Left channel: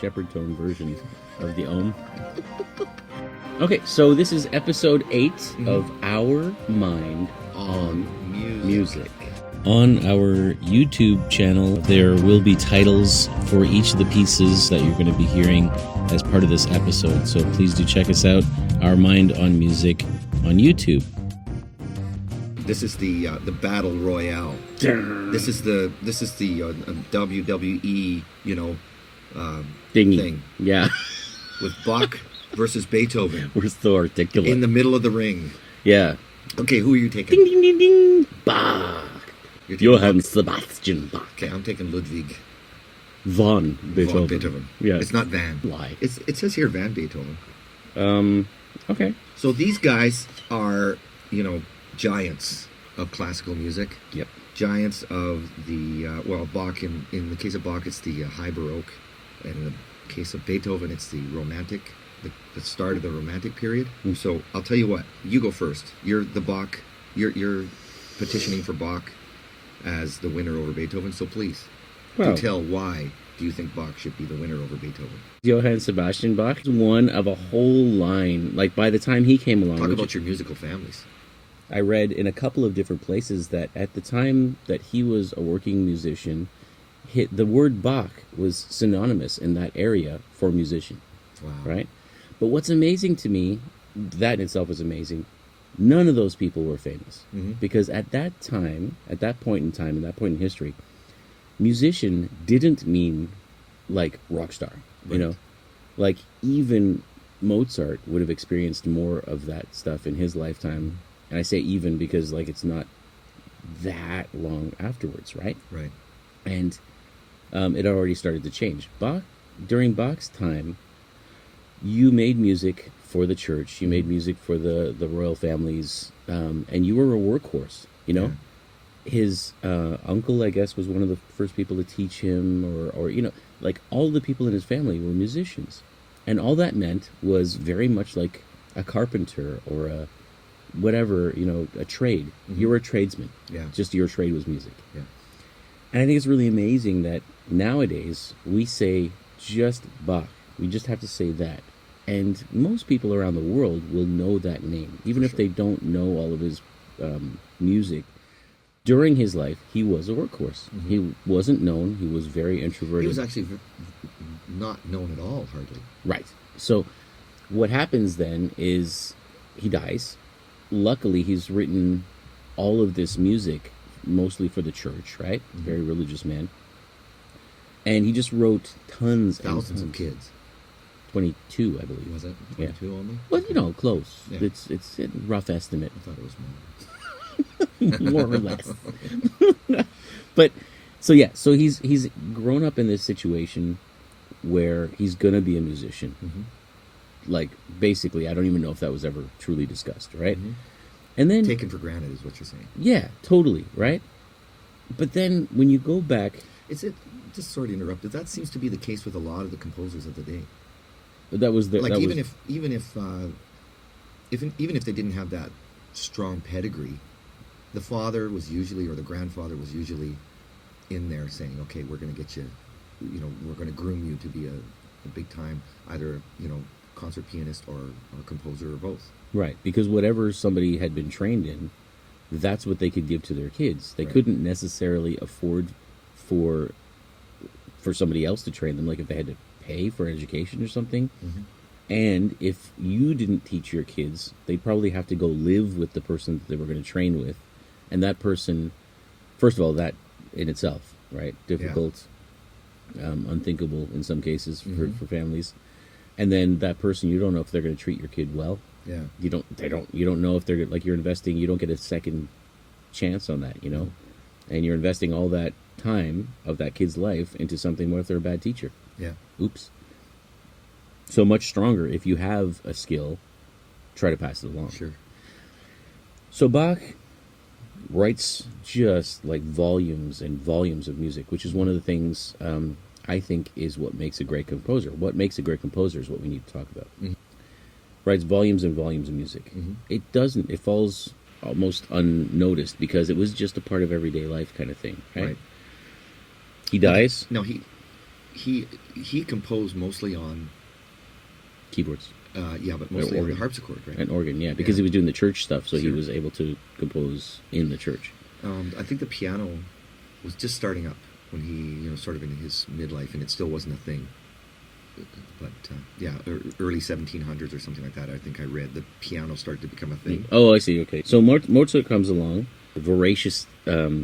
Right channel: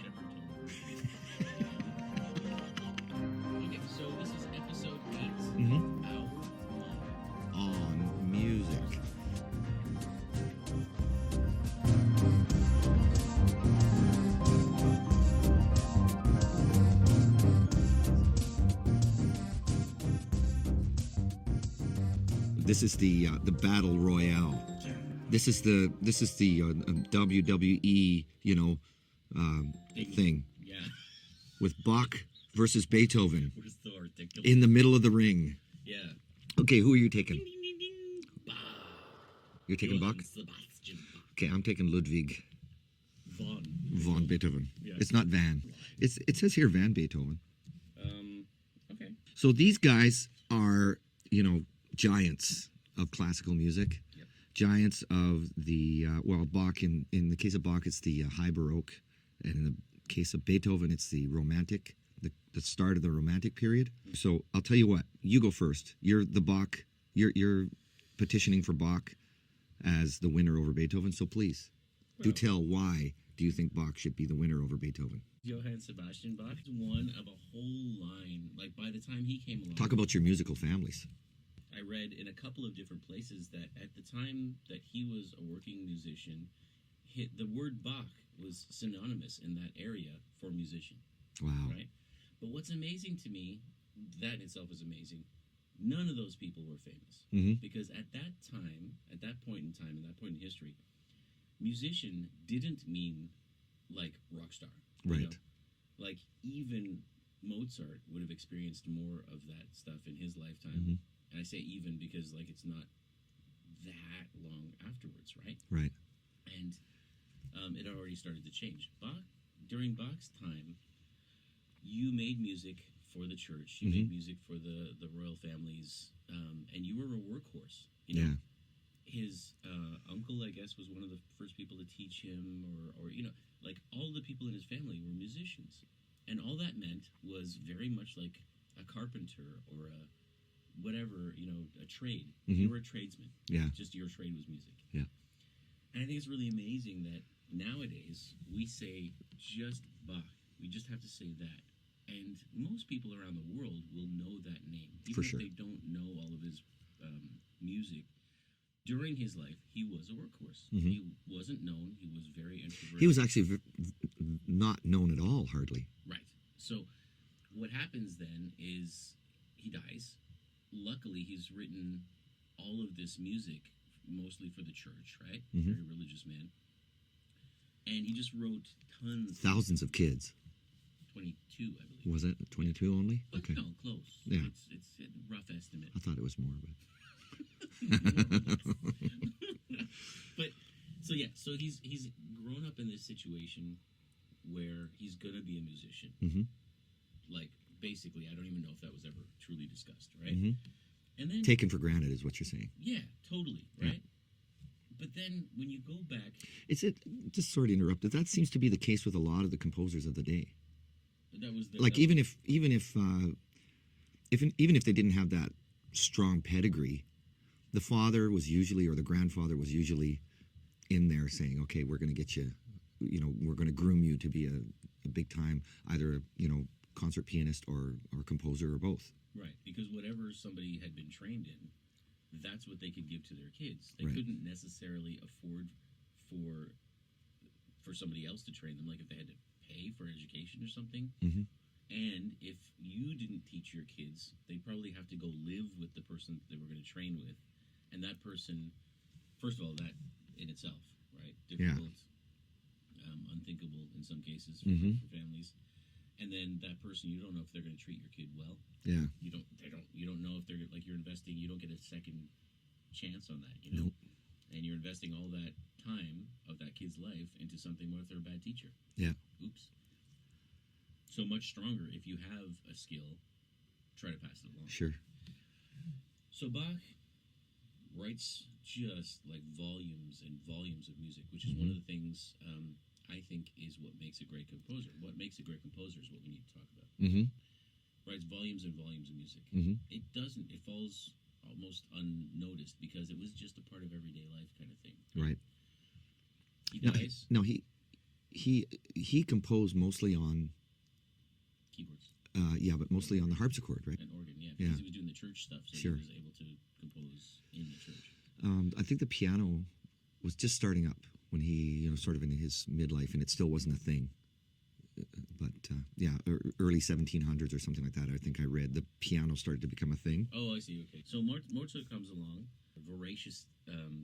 shepherd tone version of the Om. Okay, so this is episode 8 of Our Mind on Music. On our YouTube channel, there will be titles for each of the pieces that you're going to be hearing as part of this episode. So please do check us out, Our Mind on Music, on YouTube. This is the battle royale. This is the WWE, thing. Yeah. With Bach versus Beethoven. We're so articulate. In the middle of the ring. Yeah. Okay, who are you taking? Ding, ding, ding, ding. Bach. Johann Sebastian Bach. Okay, I'm taking Ludwig van Beethoven. Van Beethoven. Yeah. It's not Van. Lie. It says here Van Beethoven. Okay. So these guys are, giants of classical music. Yep. Giants of the, Bach, in the case of Bach, it's the High Baroque. And in the case of Beethoven, it's the Romantic, the start of the Romantic period. So I'll tell you what, you go first. You're the Bach, you're petitioning for Bach as the winner over Beethoven, so please, do tell why do you think Bach should be the winner over Beethoven? Johann Sebastian Bach is one of a whole line. Like, by the time he came along... Talk about your musical families. I read in a couple of different places that at the time that he was a working musician, the word Bach was synonymous in that area for musician. Wow. Right? But what's amazing to me, that in itself is amazing, none of those people were famous. Mm-hmm. Because at that time, at that point in time, in that point in history, musician didn't mean like rock star. Right. Like even Mozart would have experienced more of that stuff in his lifetime. Mm-hmm. And I say even because like it's not that long afterwards, right? Right. And it already started to change. During Bach's time, you made music for the church. You made music for the royal families, and you were a workhorse. His uncle, I guess, was one of the first people to teach him, or like all the people in his family were musicians, and all that meant was very much like a carpenter or a whatever, a trade. Mm-hmm. You were a tradesman. Yeah. Just your trade was music. Yeah. And I think it's really amazing that nowadays we say just Bach. We just have to say that. And most people around the world will know that name, even if they don't know all of his music. During his life, he was a workhorse. Mm-hmm. He wasn't known. He was very introverted. He was actually not known at all, hardly. Right. So what happens then is he dies. Luckily, he's written all of this music, mostly for the church, right? Mm-hmm. Very religious man. And he just wrote thousands of kids. 22, I believe. Was it 22 only? Well, close. Yeah. It's a rough estimate. I thought it was more. More or less. But so he's grown up in this situation where he's gonna be a musician. Mm-hmm. Like, basically, I don't even know if that was ever truly discussed, right? Mm-hmm. And then taken for granted is what you're saying. Yeah, totally, right? But then when you go back, just sorry to interrupt, but that seems to be the case with a lot of the composers of the day. That was the even if they didn't have that strong pedigree, the father was usually, or the grandfather was usually in there saying, okay, we're going to get you, we're going to groom you to be a big time, either, concert pianist or composer or both. Right, because whatever somebody had been trained in, that's what they could give to their kids. They couldn't necessarily afford for somebody else to train them, like if they had to pay for education or something. Mm-hmm. And if you didn't teach your kids, they'd probably have to go live with the person that they were going to train with. And that person, first of all, that in itself, right? Difficult, unthinkable in some cases for families. And then that person, you don't know if they're going to treat your kid well. Yeah. You don't know if they're, like, you're investing, you don't get a second chance on that, Mm-hmm. And you're investing all that time of that kid's life into something. What if they're a bad teacher? Yeah. Oops. So much stronger if you have a skill, try to pass it along. Sure. So Bach writes just like volumes and volumes of music, which is one of the things I think is what makes a great composer. What makes a great composer is what we need to talk about. Mm-hmm. Writes volumes and volumes of music. Mm-hmm. It falls almost unnoticed because it was just a part of everyday life kind of thing, right? Right. He dies. No, he composed mostly on Keyboards. but mostly on the harpsichord, right? And organ, yeah, because he was doing the church stuff, so he Sure. was able to compose in the church. I think the piano was just starting up when he, sort of in his midlife, and it still wasn't a thing. But early 1700s or something like that. I think I read the piano started to become a thing. Oh, I see. Okay, so Mozart comes along, a voracious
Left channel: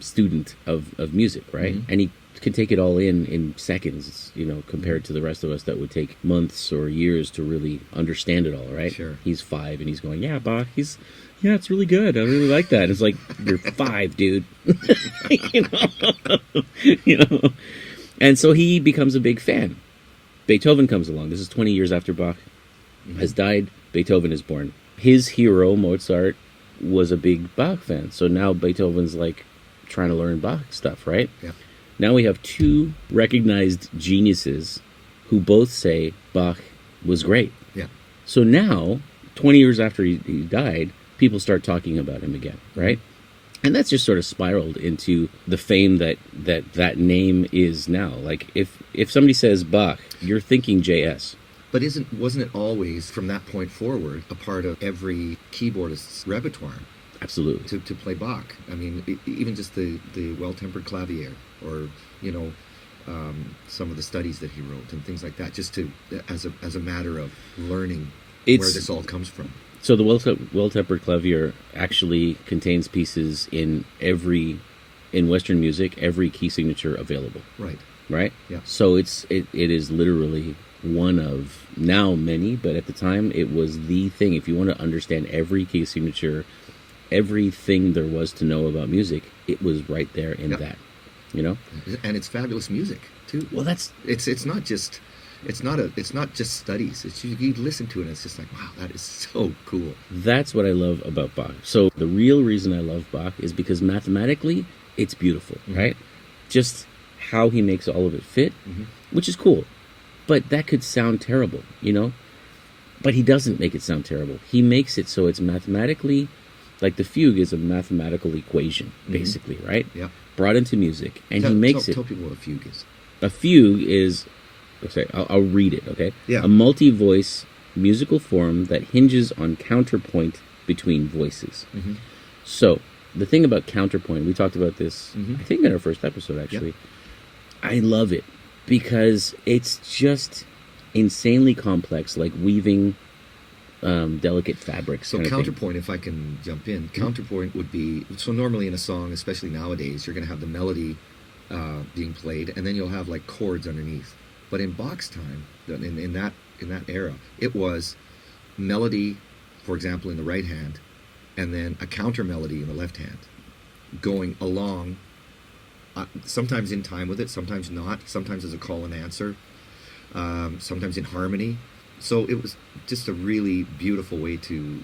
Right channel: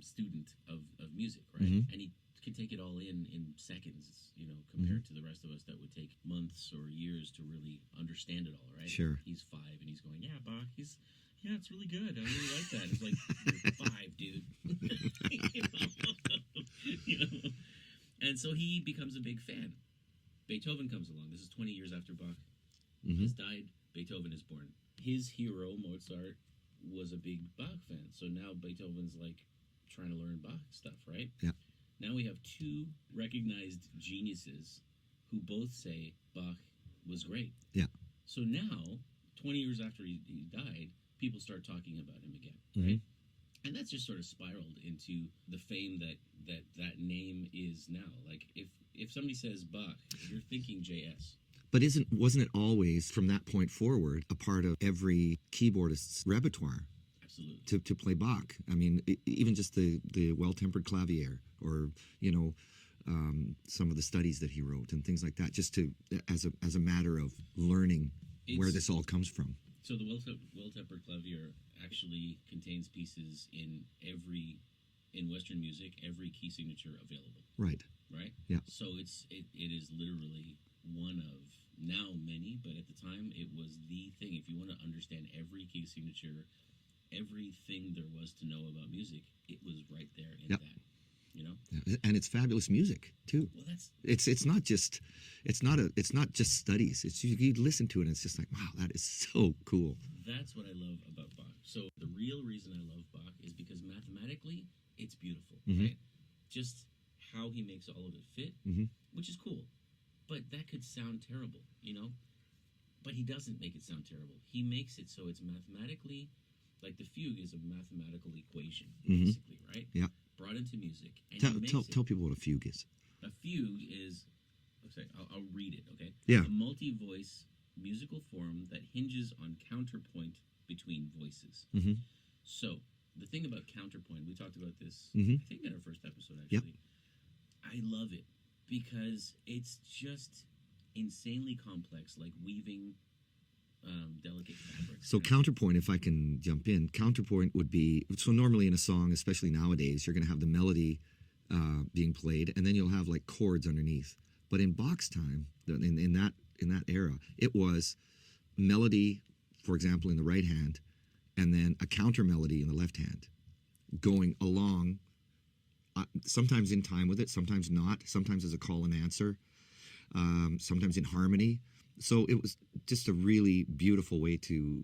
student of music, right? Mm-hmm. And he can take it all in seconds, compared to the rest of us that would take months or years to really understand it all, right? Sure. He's 5 and he's going, yeah, Bach, yeah, it's really good. I really like that. It's like, you're 5, dude. you know. And so he becomes a big fan. Beethoven comes along. This is 20 years after Bach has died. Beethoven is born. His hero, Mozart, was a big Bach fan. So now Beethoven's like trying to learn Bach stuff, right? Yeah. Now we have 2 recognized geniuses who both say Bach was great. Yeah. So now, 20 years after he died, people start talking about him again, right? And that's just sort of spiraled into the fame that name is now. Like, if somebody says Bach, you're thinking JS. But wasn't it always, from that point forward, a part of every keyboardist's repertoire? Absolutely. To play Bach. I mean, even just the well-tempered clavier, or some of the studies that he wrote and things like that, just to as a matter of learning where this all comes from. So the well-tempered clavier actually contains pieces in Western music, every key signature available. Right. Right? Yeah. So it is literally one of now many, but at the time it was the thing. If you want to understand every key signature, everything there was to know about music, it was right there in that. And it's fabulous music too. Well, it's not just studies. It's you listen to it and it's just like, wow, that is so cool. That's what I love about Bach. So the real reason I love Bach is because mathematically it's beautiful, right? Just how he makes all of it fit, which is cool. But that could sound terrible, But he doesn't make it sound terrible. He makes it so it's mathematically, like the fugue is a mathematical equation, basically, right? Yeah. Brought into music, and he makes tell people what a fugue is. A fugue is, I'll read it, okay? Yeah. A multi-voice musical form that hinges on counterpoint between voices. So, the thing about counterpoint, we talked about this, I think in our first episode, actually. Yeah. I love it because it's just insanely complex, like weaving delicate fabrics. So counterpoint, if I can jump in, counterpoint would be, so normally in a song, especially nowadays, you're going to have the melody being played, and then you'll have like chords underneath. But in Bach's time, in that era, it was melody, for example, in the right hand, and then a counter melody in the left hand, going along, sometimes in time with it, sometimes not, sometimes as a call and answer, sometimes in harmony. So it was just a really beautiful way to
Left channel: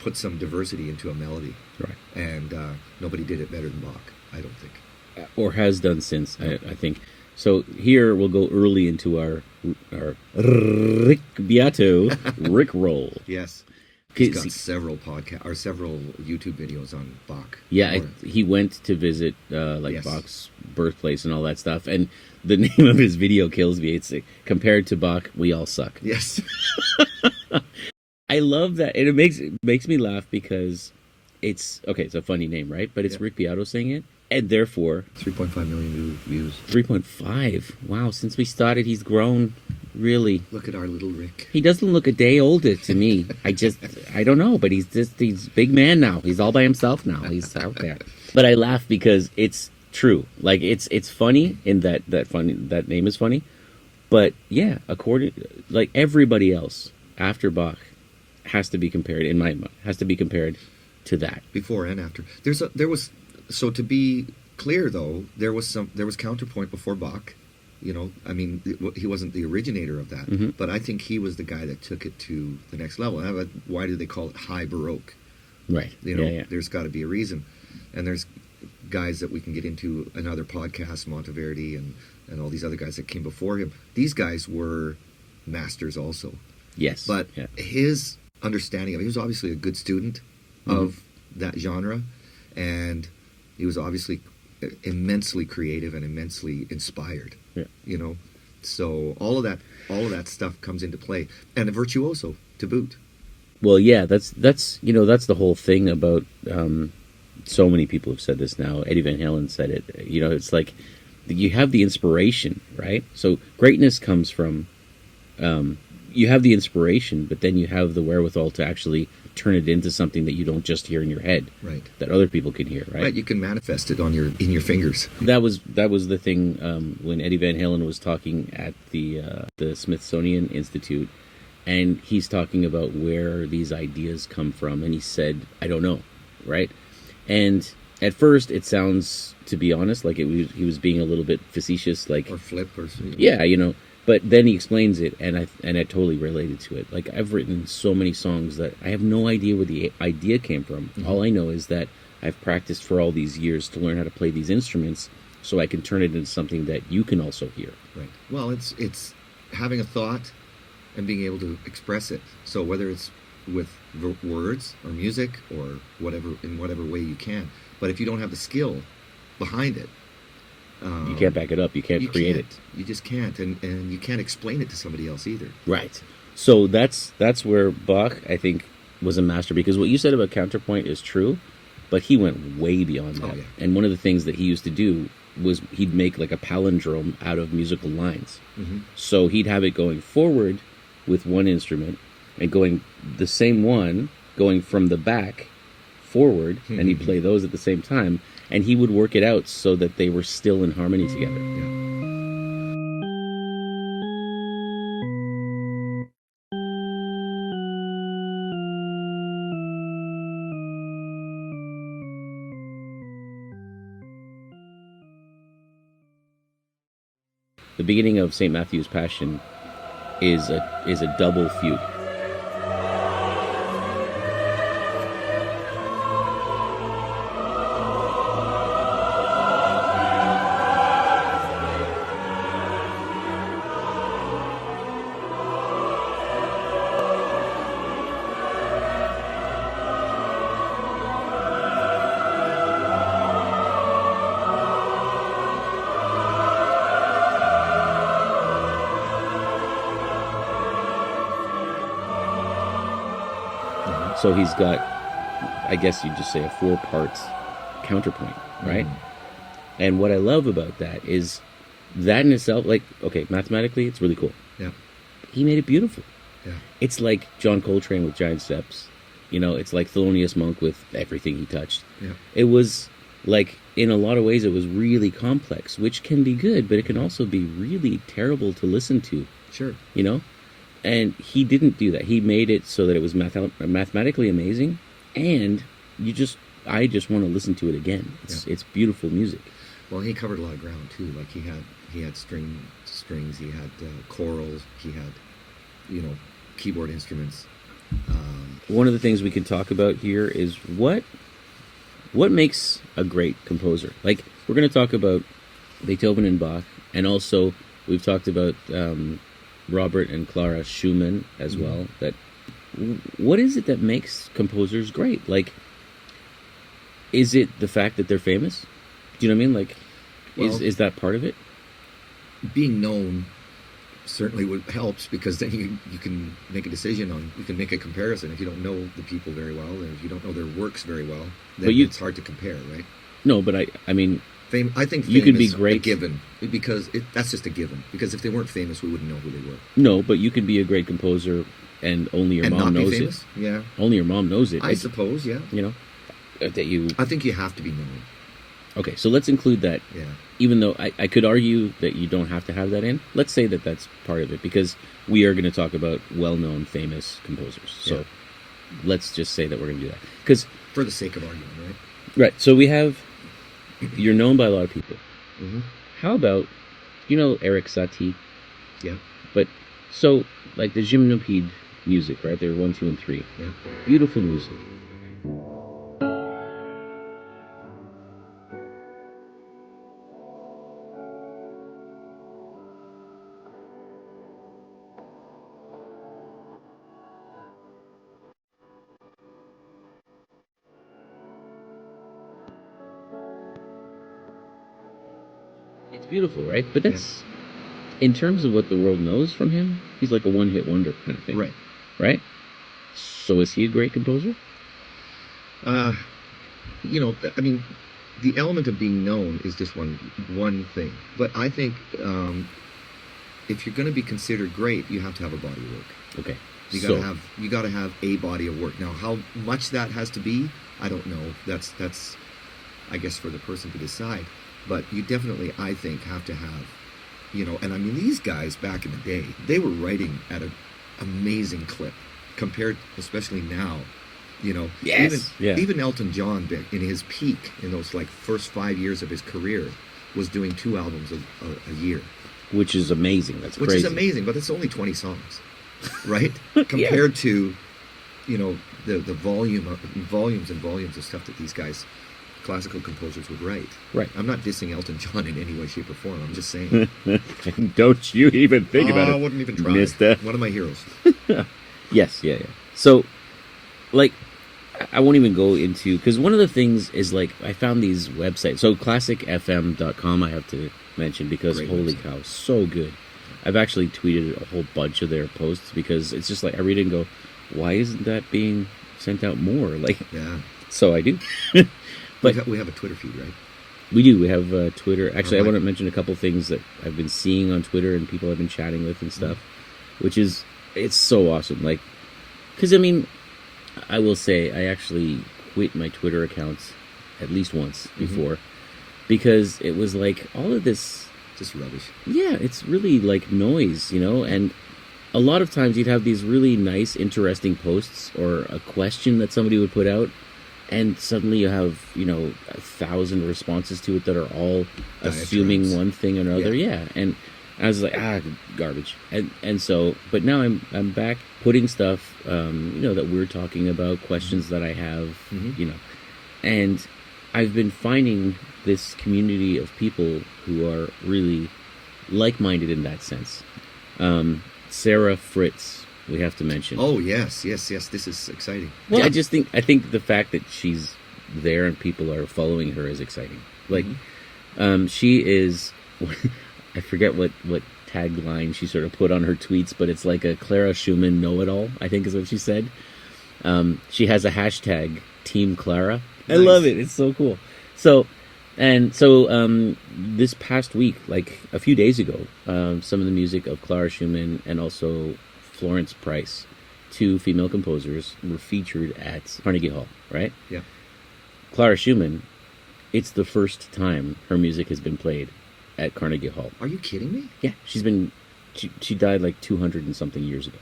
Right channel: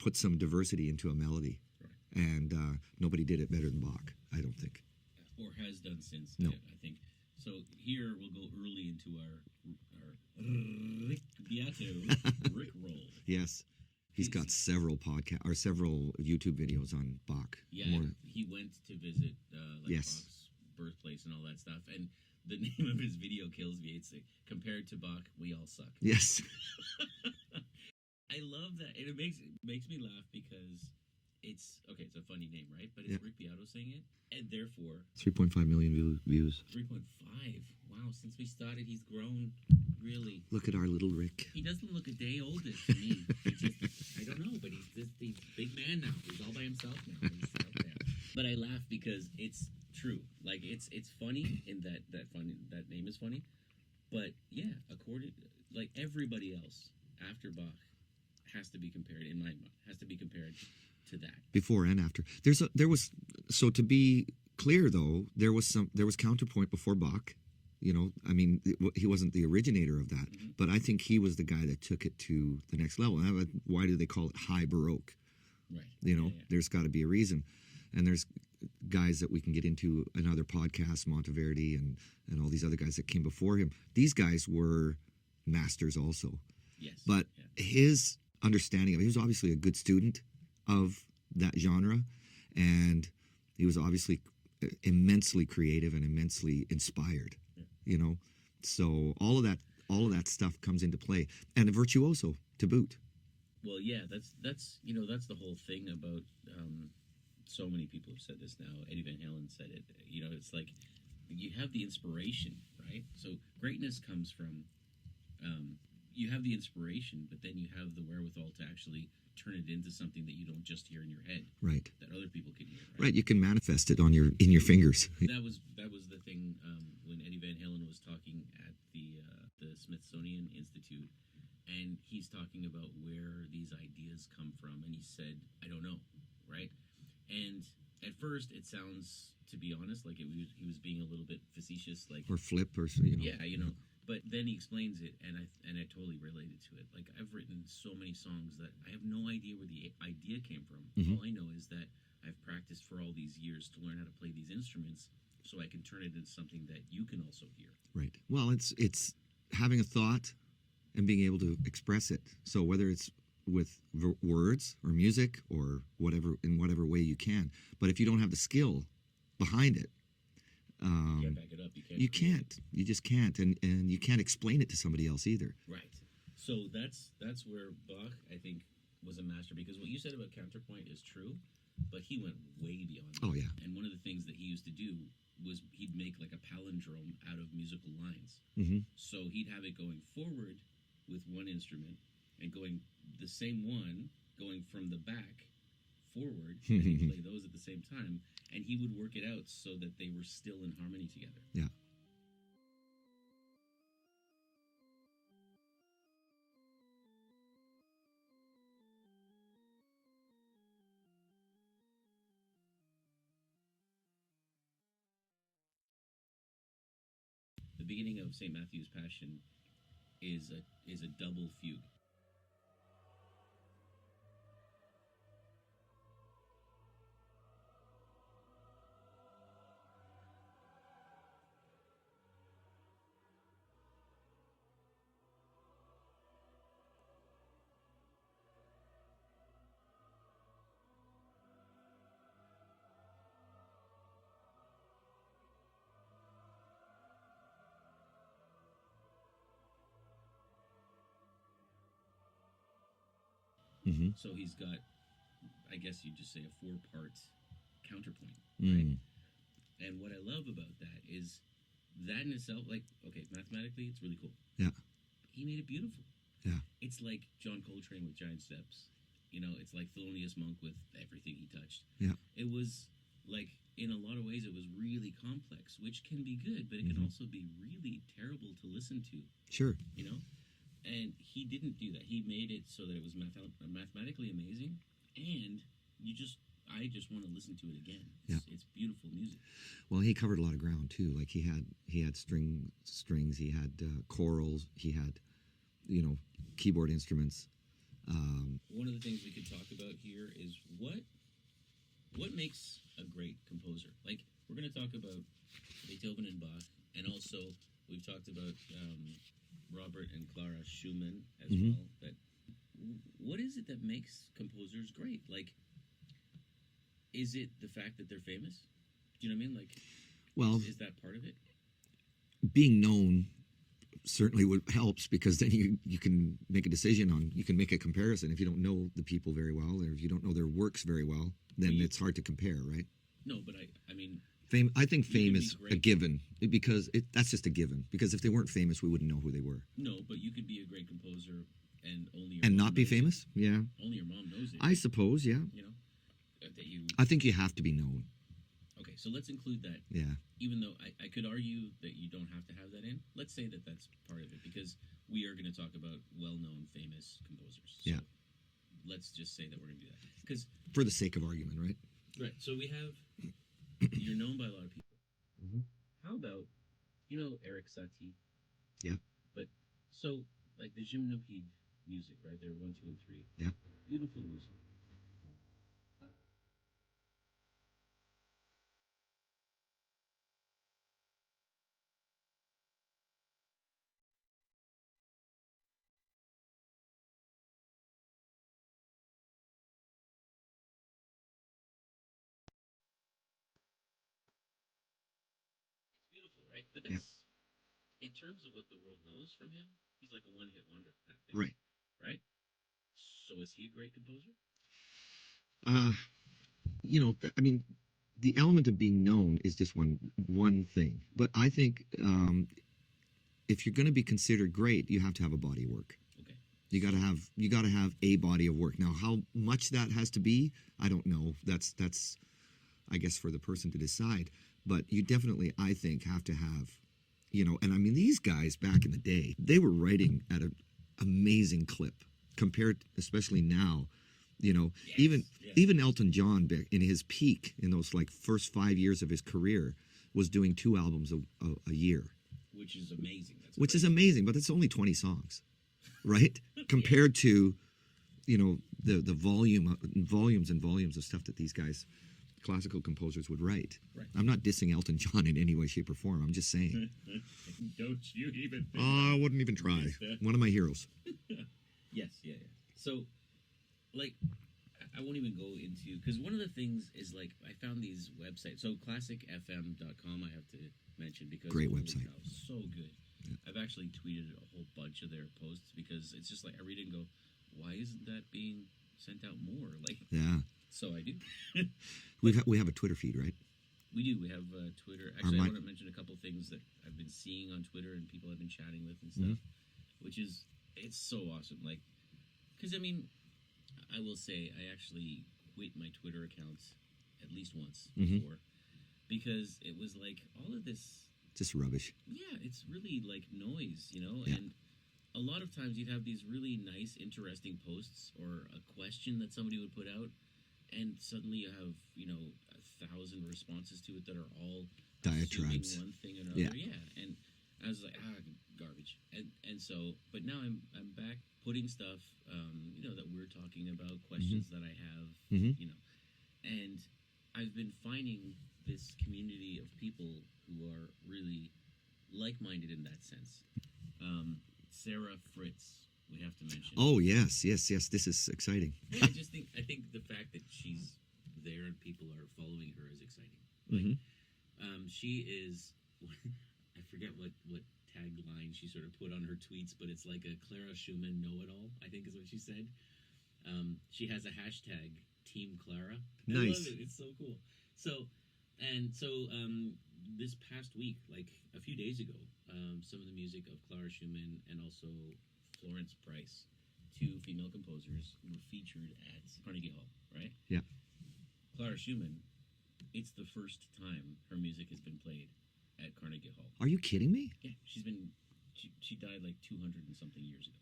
put some diversity into a melody. Right. And nobody did it better than Bach, I don't think. Or has done since, I think. So here we'll go early into our Rick Beato Rick roll. Yes. He's got several YouTube videos on Bach. Yeah, he went to visit Bach's birthplace and all that stuff, and the name of his video kills me. It's compared to Bach, we all suck. Yes. I love that, and it makes me laugh because it's a funny name, right? But it's Rick Beato saying it, and therefore 3.5 million views. 3.5. Wow! Since we started, he's grown. Really, look at our little Rick. He doesn't look a day older to me. I don't know, but he's a big man now. He's all by himself now. He's out there. But I laugh because it's true. Like it's funny in that name is funny. But yeah, like everybody else after Bach has to be compared, in my mind, has to be compared to that. Before and after. So to be clear though, there was counterpoint before Bach. I mean, he wasn't the originator of that, but I think he was the guy that took it to the next level. Why do they call it high Baroque? Right. There's got to be a reason. And there's guys that we can get into another podcast, Monteverdi and all these other guys that came before him. These guys were masters also. Yes. But his understanding of it, he was obviously a good student of that genre, and he was obviously immensely creative and immensely inspired. Yeah. You know, so all of that stuff comes into play, and a virtuoso to boot. Well, yeah, that's that's the whole thing about. So many people have said this now. Eddie Van Halen said it. It's like you have the inspiration, right? So greatness comes from you have the inspiration, but then you have the wherewithal to actually turn it into something that you don't just hear in your head, right? That other people can hear, right? Right. You can manifest it in your fingers. That was the thing when Eddie Van Halen was talking at the Smithsonian Institute, and he's talking about where these ideas come from, and he said, "I don't know," right? And at first, it sounds, to be honest, like he was being a little bit facetious, like or flip or something. Yeah, But then he explains it, and I totally related to it. Like, I've written so many songs that I have no idea where the idea came from. Mm-hmm. All I know is that I've practiced for all these years to learn how to play these instruments, so I can turn it into something that you can also hear. Right. Well, it's having a thought and being able to express it. So whether it's with words or music or in whatever way you can, but if you don't have the skill behind it, you can't back it up. You can't create it. You just can't, and you can't explain it to somebody else either. Right. So that's where Bach, I think, was a master, because what you said about counterpoint is true, but he went way beyond that. Oh, yeah. And one of the things that he used to do was he'd make like a palindrome out of musical lines. Mm-hmm. So he'd have it going forward with one instrument and going the same one going from the back forward, and he'd play those at the same time, and he would work it out so that they were still in harmony together. Yeah. The beginning of St. Matthew's Passion is a double fugue. So he's got, I guess you'd just say, a 4-part counterpoint, right? And what I love about that is that in itself, like, okay, mathematically, it's really cool. Yeah. He made it beautiful. Yeah. It's like John Coltrane with Giant Steps. It's like Thelonious Monk with everything he touched. Yeah. It was like, in a lot of ways, it was really complex, which can be good, but it can also be really terrible to listen to. Sure. And he didn't do that. He made it so that it was mathematically amazing, and I just want to listen to it again. It's beautiful music. Well, he covered a lot of ground too. Like he had strings, he had chorals, he had keyboard instruments. One of the things we can talk about here is what makes a great composer. Like, we're going to talk about Beethoven and Bach, and also we've talked about Robert and Clara Schumann as well. That what is it that makes composers great? Like, is it the fact that they're famous? Do you know what I mean? Like, is that part of it? Being known certainly helps, because then you can make a decision on, you can make a comparison. If you don't know the people very well, and if you don't know their works very well, then it's hard to compare, right? No, but I mean, I think fame you could be is great. A given, because that's just a given. Because if they weren't famous, we wouldn't know who they were. No, but you could be a great composer and only your mom knows it. Yeah, only your mom knows it. I suppose. Yeah, that you. I think you have to be known. Okay, so let's include that. Yeah. Even though I could argue that you don't have to have that in, let's say that that's part of it, because we are going to talk about well-known, famous composers. So let's just say that we're going to do that, because for the sake of argument, right? Right. So we have, you're known by a lot of people. Mm-hmm. How about, Erik Satie? Yeah. But so, like the Gymnopédie music, right? They're 1, 2, and 3. Yeah. Beautiful music. beautiful, right? But that's in terms of what the world knows from him. He's like a one-hit wonder kind of thing, Right. Right. So is he a great composer? You know, I mean, the element of being known is just one thing. But I think if you're going to be considered great, you have to have a body of work. Okay. You gotta have a body of work. Now, how much that has to be, I don't know. That's I guess for the person to decide. But you definitely, I think, have to have, you know. And I mean, these guys back in the day, they were writing at an amazing clip compared, especially now. You know, even Elton John, in his peak, in those like first 5 years of his career, was doing 2 albums a year, which is amazing. That's which crazy. is amazing, but it's only 20 songs, right? Compared to, you know, the volumes and volumes of stuff that these guys, classical composers, would write. Right. I'm not dissing Elton John in any way, shape, or form. I'm just saying. Don't you even think about it. I wouldn't even try. Mister. One of my heroes. Yes. So, like, I won't even go into, because one of the things is, like, I found these websites. So classicfm.com I have to mention, because Great holy website. cow, so good. I've actually tweeted a whole bunch of their posts, because it's just like I read it and go, why isn't that being sent out more? Like, Yeah. so I do. But we have a Twitter feed, right? we do. We have Twitter. Actually, I Right. want to mention a couple things that I've been seeing on Twitter and people I've been chatting with and stuff, which is, it's so awesome. Like, because, I mean, I will say I actually quit my Twitter accounts at least once before, because it was like all of this, Just rubbish. yeah, it's really like noise, you know, and a lot of times you'd have these really nice, interesting posts or a question that somebody would put out, and suddenly you have, you know, 1,000 responses to it that are all assuming Diatribes. one thing or another. Yeah. And I was like, garbage. And so, but now I'm back putting stuff, you know, that we're talking about, questions that I have, you know, and I've been finding this community of people who are really like-minded in that sense. Sarah Fritz, we have to mention. Oh, yes. This is exciting. Well, I think the fact that she's there and people are following her is exciting. Like, she is, I forget what tagline she sort of put on her tweets, but it's like a Clara Schumann know-it-all, I think is what she said. She has a hashtag, Team Clara. I love it. It's so cool. So this past week, like a few days ago, some of the music of Clara Schumann and also Florence Price, 2 female composers, were featured at Carnegie Hall, right? Yeah. Clara Schumann, it's the first time her music has been played at Carnegie Hall. Are you kidding me? Yeah, she died like 200 and something years ago.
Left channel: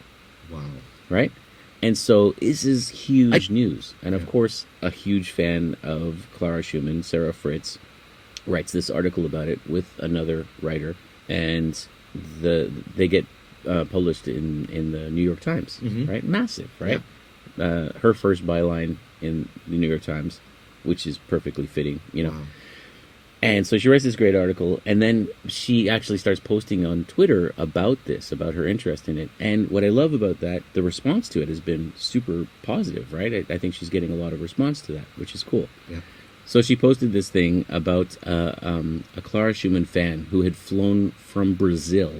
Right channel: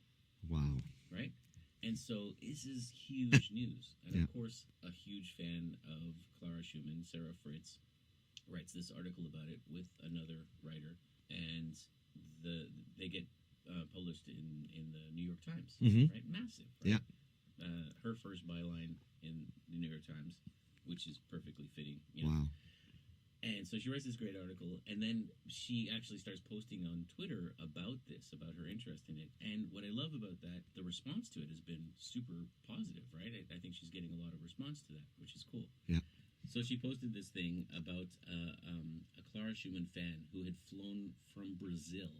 Wow. Right? And so this is huge news. And of course, a huge fan of Clara Schumann, Sarah Fritz, writes this article about it with another writer, and they get published in the New York Times, right? Massive, right? Yeah. Her first byline in the New York Times, which is perfectly fitting, you know. Wow. And so she writes this great article, and then she actually starts posting on Twitter about this, about her interest in it. And what I love about that, the response to it has been super positive, right? I think she's getting a lot of response to that, which is cool. Yeah. So she posted this thing about a Clara Schumann fan who had flown from Brazil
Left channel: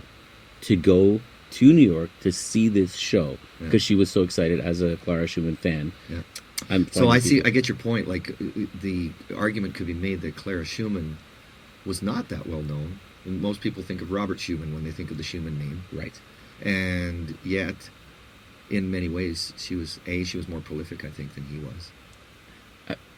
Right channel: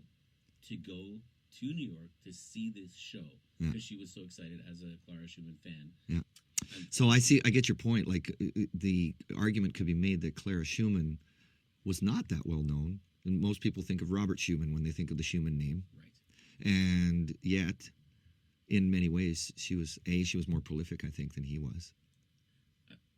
to go to New York to see this show because she was so excited as a Clara Schumann fan. Yeah. So I get your point. Like, the argument could be made that Clara Schumann was not that well known. And most people think of Robert Schumann when they think of the Schumann name. Right. And yet, in many ways, she was more prolific, I think, than he was.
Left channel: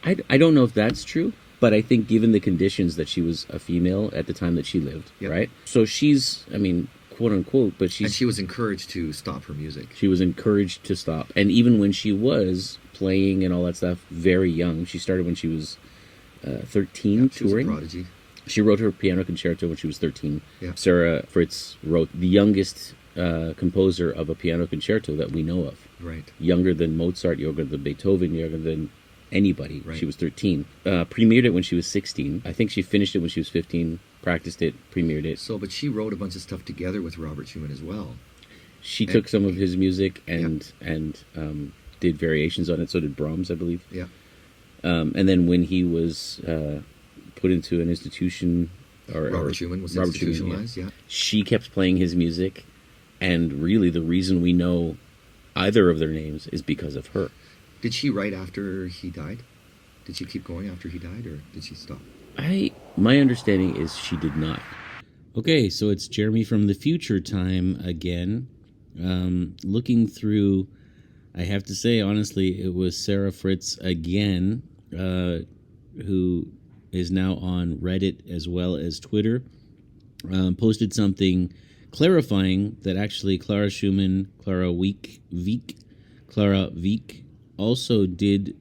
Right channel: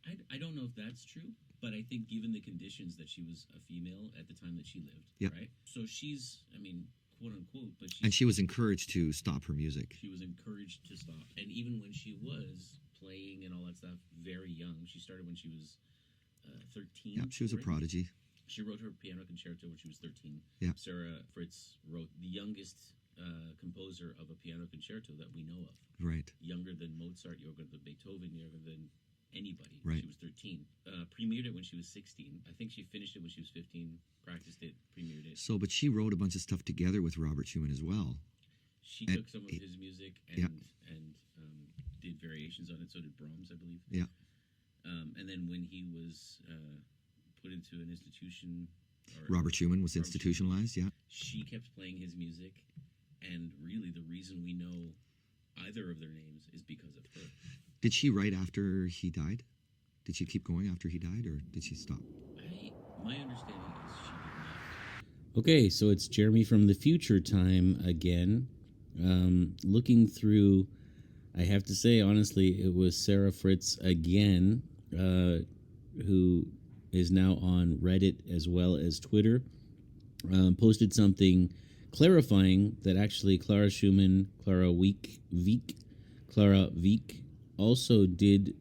I don't know if that's true, but I think given the conditions that she was a female at the time that she lived, right? So she's, I mean, quote unquote, but she was encouraged to stop her music. She was encouraged to stop. And even when she was playing and all that stuff, very young, she started when she was 13, she was touring. A prodigy. She wrote her piano concerto when she was 13. Yeah. Sarah Fritz wrote the youngest composer of a piano concerto that we know of. Right. Younger than Mozart, younger than Beethoven, younger than anybody. Right. She was 13. Premiered it when she was 16. I think she finished it when she was 15, practiced it, premiered it. So, but she wrote a bunch of stuff together with Robert Schumann as well. She took some of his music and did variations on it. So did Brahms, I believe. Yeah. And then when he was put into an institution Robert Schumann was Robert Schumann, institutionalized, yeah. She kept playing his music, and really the reason we know either of their names is because of her. Did she write after he died? Did she keep going after he died, or did she stop? My understanding is she did not. Okay, so it's Jeremy from the future time again. Looking through, I have to say, honestly, it was Sarah Fritz again, who is now on Reddit as well as Twitter, posted something clarifying that actually Clara Wieck also did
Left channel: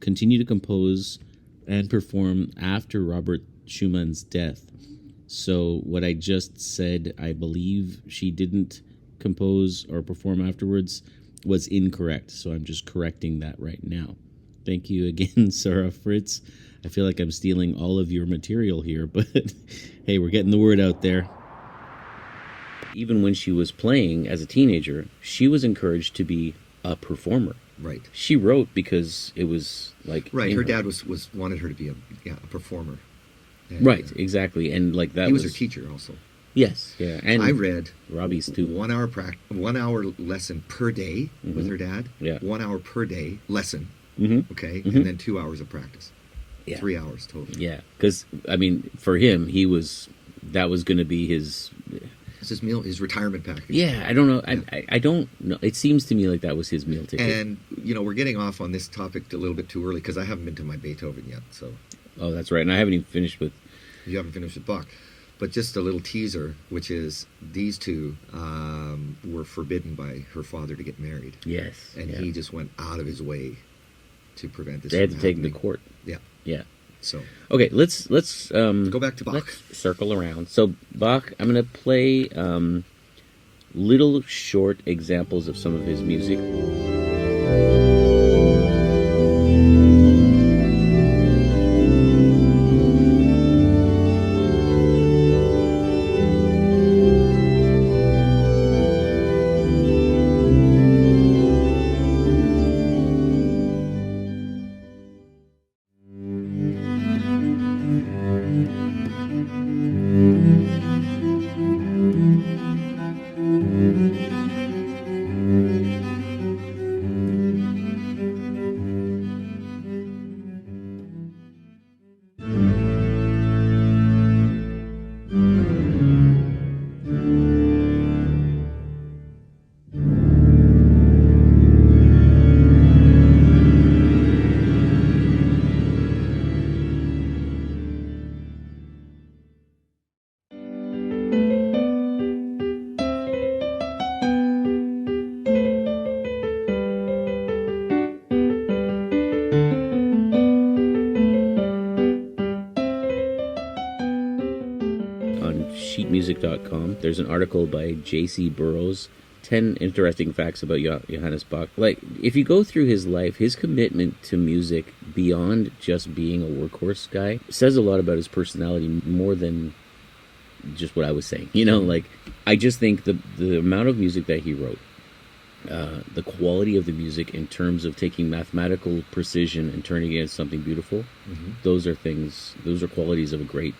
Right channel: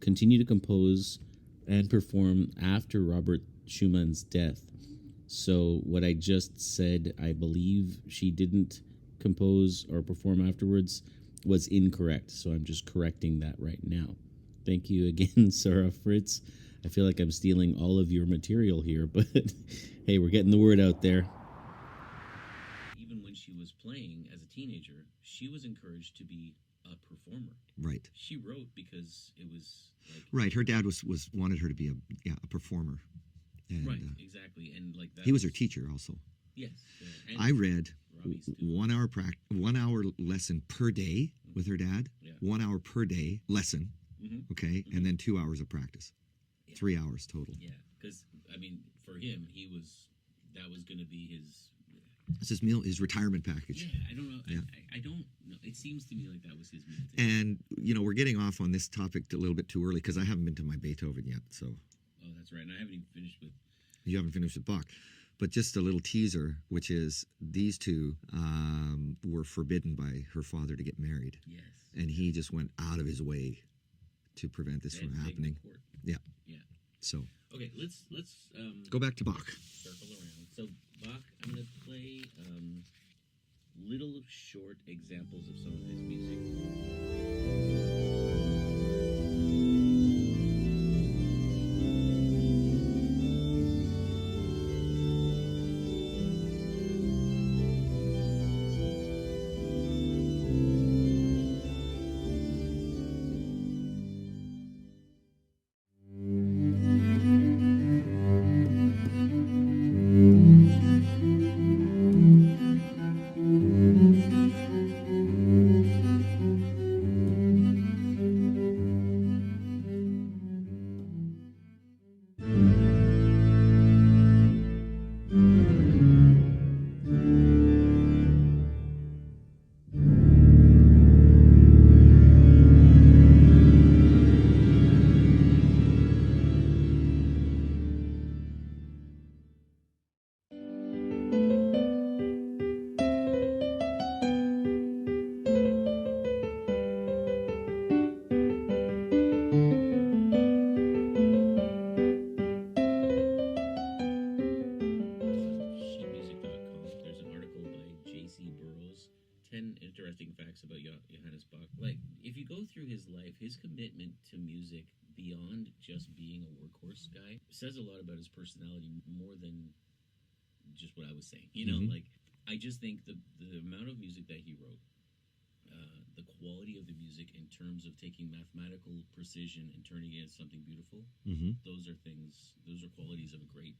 continue to compose and perform after Robert Schumann's death. So what I just said, I believe she didn't compose or perform afterwards, was incorrect. So I'm just correcting that right now. Thank you again, Sarah Fritz. I feel like I'm stealing all of your material here, but hey, we're getting the word out there. Even when she was playing as a teenager, she was encouraged to be a performer. Right. She wrote because it was like... Right, her dad was wanted her to be a performer. And, right, exactly. And like that he was her teacher also. Yes, yeah. And I read Robbie's too. 1 hour 1 hour lesson per day with her dad. Yeah. 1 hour per day lesson. Okay, and then 2 hours of practice. Yeah. 3 hours total. Yeah, because I mean, for him, that was going to be his. It's his retirement package. Yeah, I don't know. Yeah. I don't know. It seems to me like that was his meal ticket. And we're getting off on this topic a little bit too early because I haven't been to my Beethoven yet. So. Oh, that's right. And I haven't even finished with. You haven't finished with Bach. But just a little teaser, which is these two were forbidden by her father to get married. Yes. And he just went out of his way to prevent this. They had to take him to court. Yeah. Yeah. So. Okay, let's go back to Bach. Let's circle around. So Bach, I'm going to play little short examples of some of his music. Sheetmusic.com. There's an article by J.C. Burroughs, 10 interesting facts about Johannes Bach. Like, if you go through his life, his commitment to music beyond just being a workhorse guy says a lot about his personality, more than just what I was saying. Like, I just think the amount of music that he wrote, the quality of the music in terms of taking mathematical precision and turning it into something beautiful, those are qualities of a great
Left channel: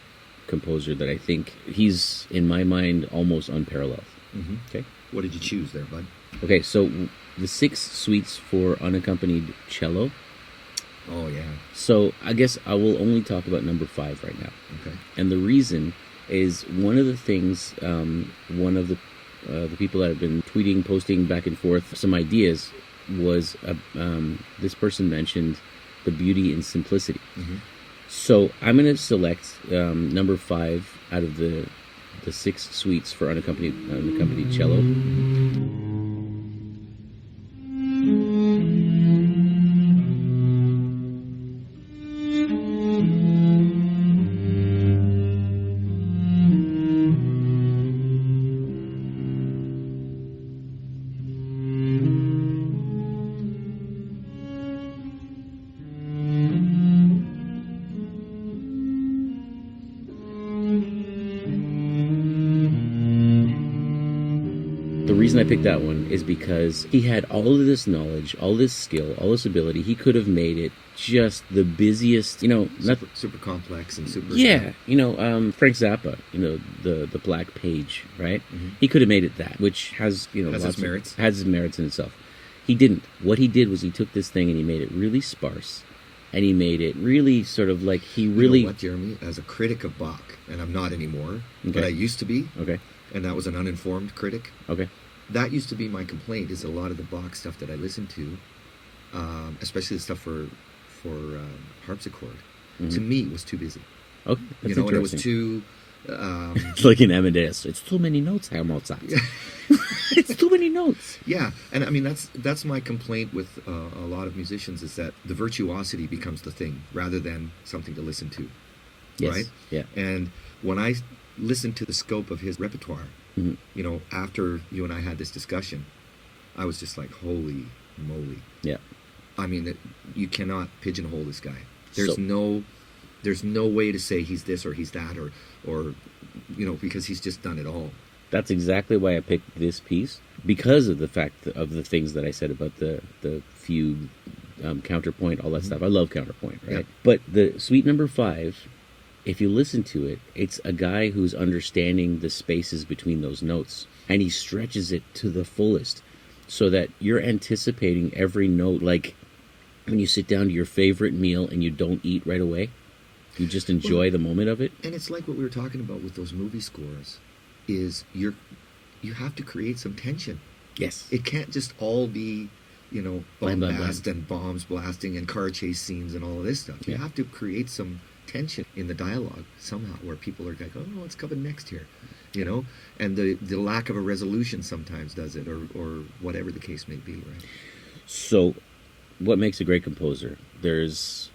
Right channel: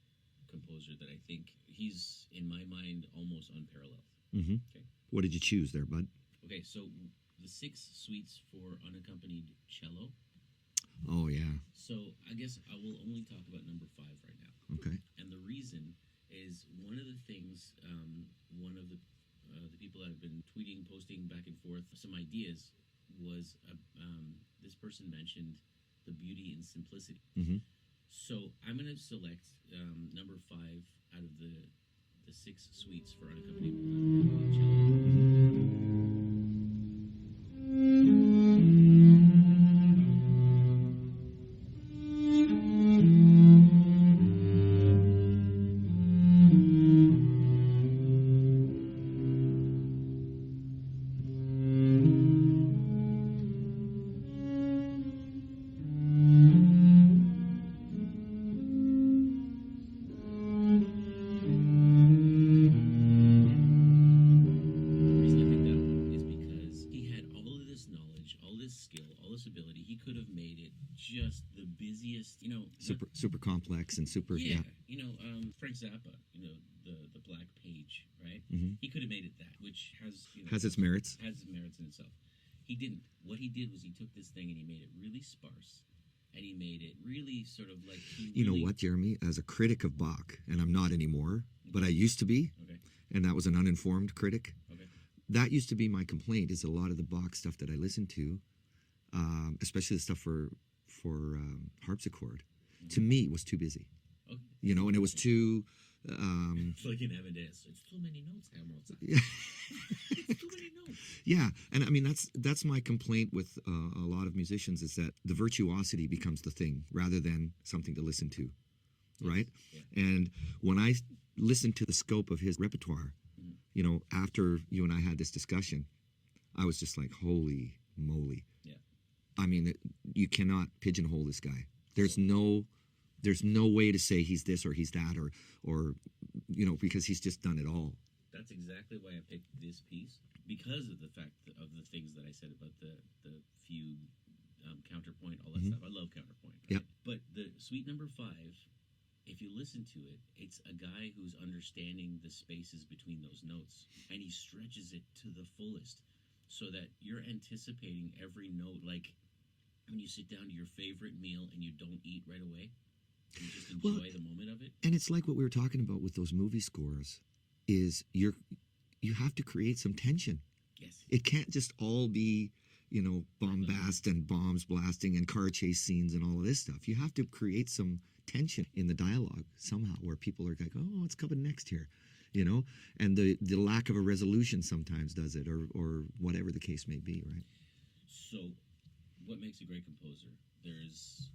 composer that I think he's, in my mind, almost unparalleled. Okay, what did you choose there, bud? Okay, so the 6 suites for unaccompanied cello. Oh yeah. So I guess I will only talk about number 5 right now. Okay. And the reason is one of the things, one of the people that have been tweeting, posting back and forth some ideas was this person mentioned the beauty in simplicity. So I'm going to select number 5 out of the 6 suites for unaccompanied cello. that one is because he had all of this knowledge, all this skill, all this ability. He could have made it just the busiest, super complex and super. Yeah, Frank Zappa, the Black Page, right? Mm-hmm. He could have made it that, which has has its merits. Has its merits in itself. He didn't. What he did was he took this thing and he made it really sparse, and he made it really sort of like he really. You know what, Jeremy? As a critic of Bach, and I'm not anymore, but I used to be. Okay. And that was an uninformed critic. Okay. That used to be my complaint. Is a lot of the Bach stuff that I listened to, especially the stuff for harpsichord, to me was too busy. Okay. And it was too. It's like in Amadeus. It's too many notes, Herr Mozart. It's too many notes. Yeah, and I mean that's my complaint with a lot of musicians is that the virtuosity becomes the thing rather than something to listen to. Yes. Right. Yeah. And when I listened to the scope of his repertoire, after you and I had this discussion, I was just like, holy moly. Yeah. I mean, you cannot pigeonhole this guy. There's no way to say he's this or he's that or because he's just done it all. That's exactly why I picked this piece, because of the fact of the things that I said about the fugue, counterpoint, all that stuff. I love counterpoint, right? Yeah. But the Suite Number 5, if you listen to it, it's a guy who's understanding the spaces between those notes, and he stretches it to the fullest so that you're anticipating every note, like when you sit down to your favorite meal and you don't eat right away. You just enjoy the moment of it. And it's like what we were talking about with those movie scores, is you have to create some tension. Yes. It can't just all be, bombast blam. and bombs blasting and car chase scenes and all of this stuff. You have to create some tension in the dialogue somehow where people are like, oh, what's coming next here? And the lack of a resolution sometimes does it, or whatever the case may be, right? So what makes a great composer? There's...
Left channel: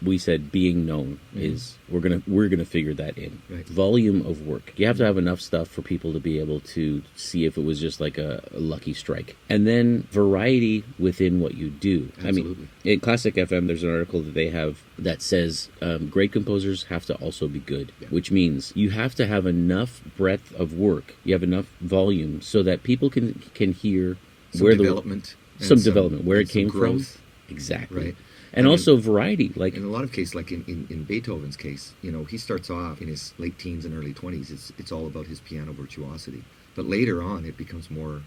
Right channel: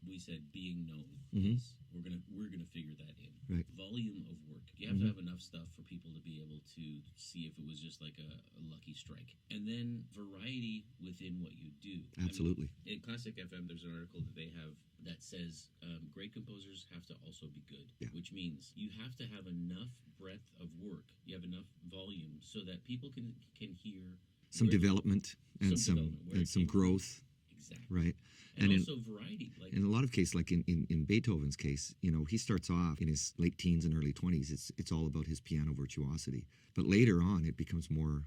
we said being known is we're gonna figure that in. Right. Volume of work. You have to have enough stuff for people to be able to see if it was just like a lucky strike. And then variety within what you do. Absolutely. I mean, in Classic FM, there's an article that they have that says great composers have to also be good, which means you have to have enough breadth of work. You have enough volume so that people can hear some development, where it came growth. From. Exactly. Right. And also variety, like in a lot of cases, like in Beethoven's case, he starts off in his late teens and early 20s. It's all about his piano virtuosity, but later on, it becomes more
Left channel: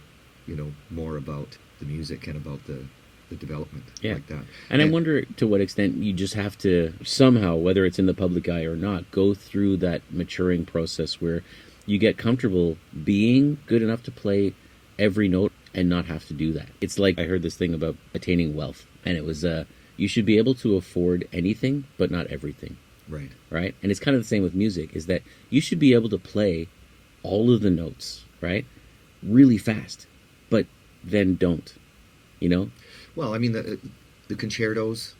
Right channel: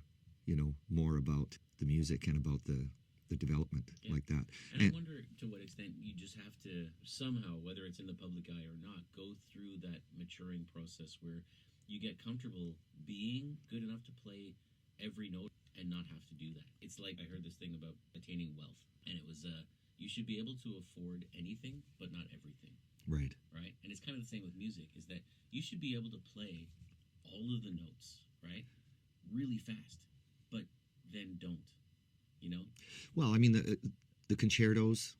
about the music and about the development, like that. And I wonder to what extent you just have to somehow, whether it's in the public eye or not, go through that maturing process where you get comfortable being good enough to play every note and not have to do that. It's like I heard this thing about attaining wealth, and it was you should be able to afford anything, but not everything. Right. Right? And it's kind of the same with music, is that you should be able to play all of the notes, right? Really fast, but then don't, Well, I mean, the concertos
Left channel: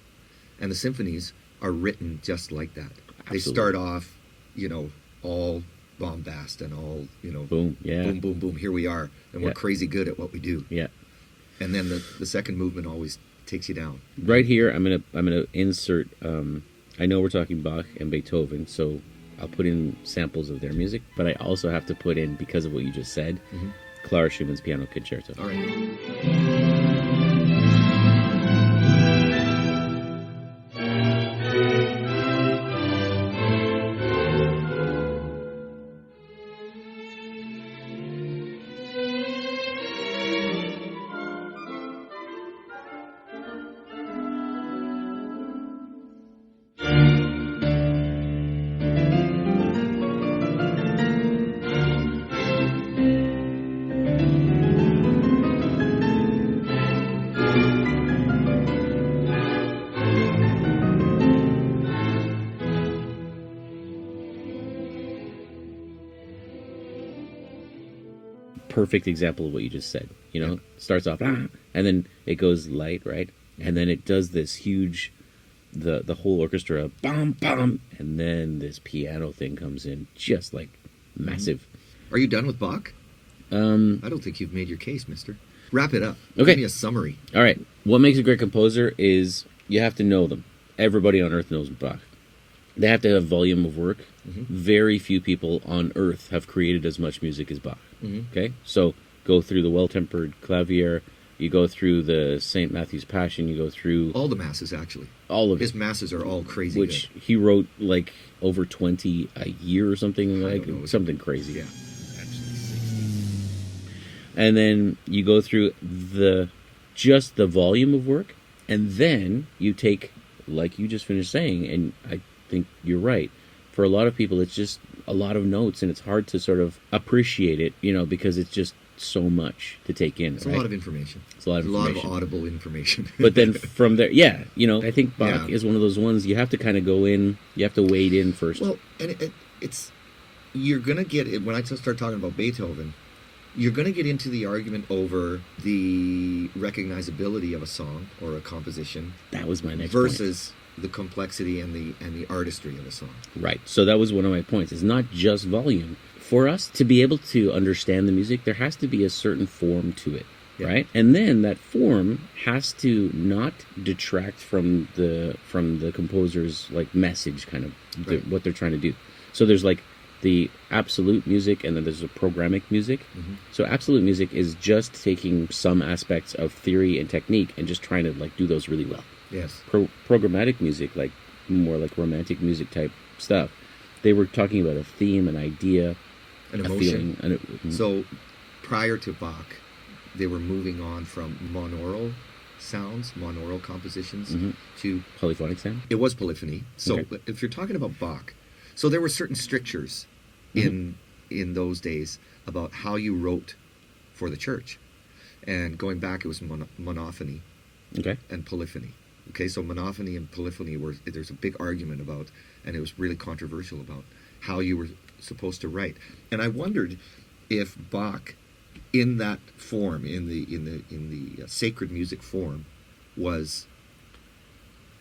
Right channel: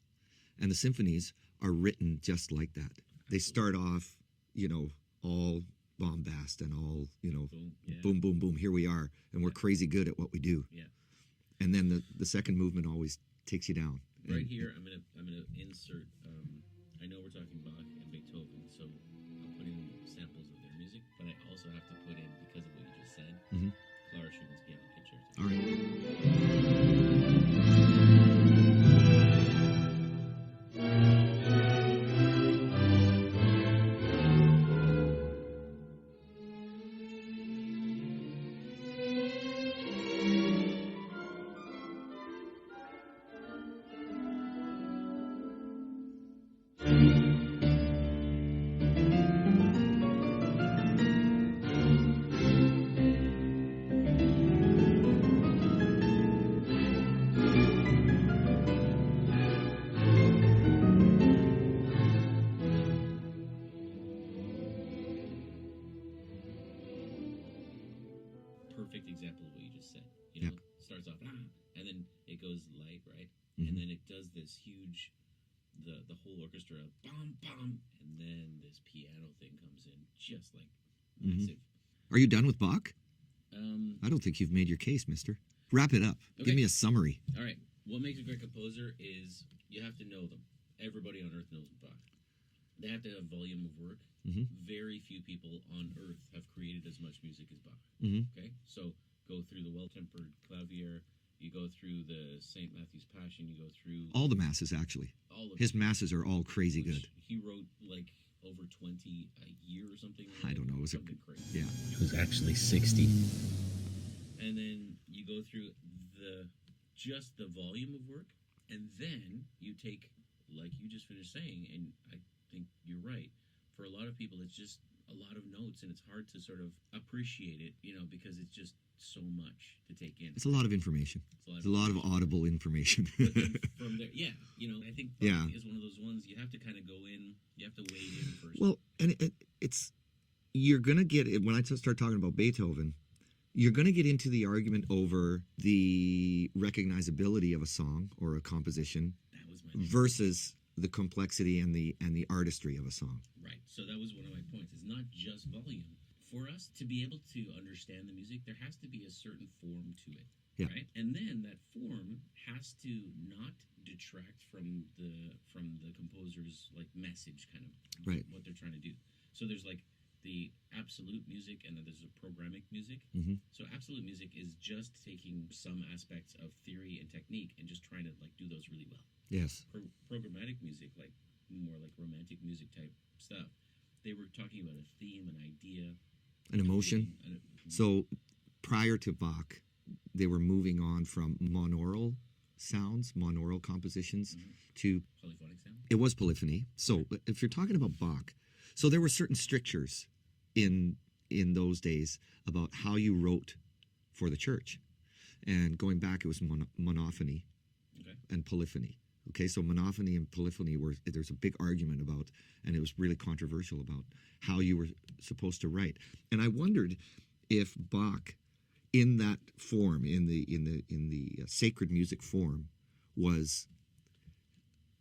and the symphonies are written just like that. Absolutely. They start off, all bombast and all, boom, boom, boom, boom, here we are, and we're crazy good at what we do. Yeah. And then the second movement always takes you down. Right here, I'm gonna insert. I know we're talking Bach and Beethoven, so I'll put in samples of their music, but I also have to put in, because of what you just said, Clara Schumann's Piano Concerto. All right. Perfect example of what you just said. Starts off and then it goes light, right? And then it does this huge, the whole orchestra, bam, bam, and then this piano thing comes in, just like massive. Are you done with Bach? I don't think you've made your case, mister. Wrap it up. Okay. Give me a summary. All right. What makes a great composer is you have to know them. Everybody on earth knows Bach. They have to have volume of work. Very few people on earth have created as much music as Bach. Okay? So go through the Well-Tempered Clavier, you go through the St. Matthew's Passion, you go through All the masses, actually. all of His it, masses are all crazy which good. he wrote like over 20 a year or something, I like don't know. something crazy. Yeah. It was actually 60. And then you go through just the volume of work, and then you take, like you just finished saying, and I think you're right. For a lot of people, it's just a lot of notes, and it's hard to sort of appreciate it, because it's just so much to take in. It's right? a lot of information. It's a lot of a lot of information. audible information. But then from there, I think Bach Yeah. is one of those ones you have to kind of go in, you have to wade in first. Well, and it's you're gonna get it when I start talking about Beethoven. You're gonna get into the argument over the recognizability of a song or a composition That was my next versus the complexity and the artistry of a song. point. Right. So that was one of my points. It's not just volume. For us to be able to understand the music, there has to be a certain form to it. Yeah. Right? And then that form has to not detract from the composer's like message, kind of Right. what they're trying to do. So there's like the absolute music, and then there's the programmatic music. Mm-hmm. So absolute music is just taking some aspects of theory and technique and just trying to like do those really well. Yes. Programmatic music, like more like romantic music type stuff, they were talking about a theme, an idea, An a emotion. feeling. So prior to Bach, they were moving on from monaural sounds, monaural compositions, Mhm. to Polyphonic sound. it was polyphony. So Okay. if you're talking about Bach, so there were certain strictures in those days about how you wrote for the church, and going back, it was monophony Okay. and polyphony. Okay, so monophony and polyphony there's a big argument about, and it was really controversial about how you were supposed to write. And I wondered if Bach, in that form, in the sacred music form, was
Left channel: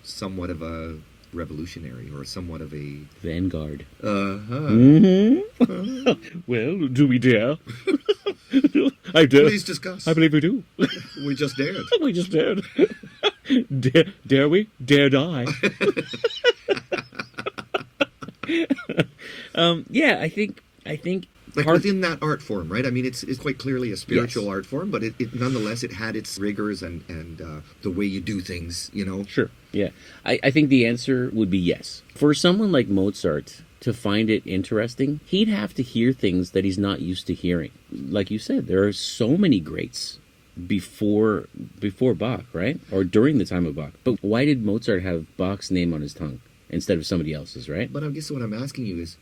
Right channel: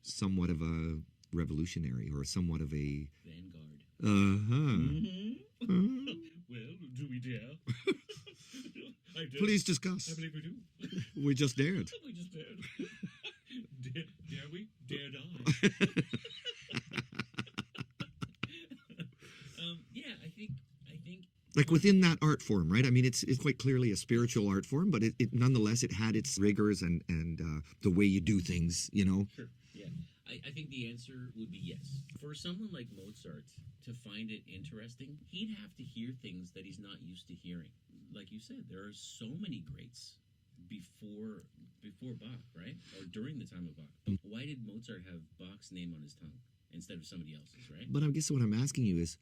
somewhat of a revolutionary or somewhat of a Vanguard. uh-huh. Well, do we dare? I do. Please discuss. I believe we do. We just dared. We just dared. Dare we? Dare die. I think Like part- within that art form, right? I mean, it's quite clearly a spiritual Yes. art form, but it nonetheless it had its rigors and the way you do things, Sure. Yeah. I think the answer would be yes. For someone like Mozart to find it interesting, he'd have to hear things that he's not used to hearing. Like you said, there are so many greats before Bach, right? Or during the time of Bach. But why did Mozart have Bach's name on his tongue instead of somebody else's, right? But I guess what I'm asking you is,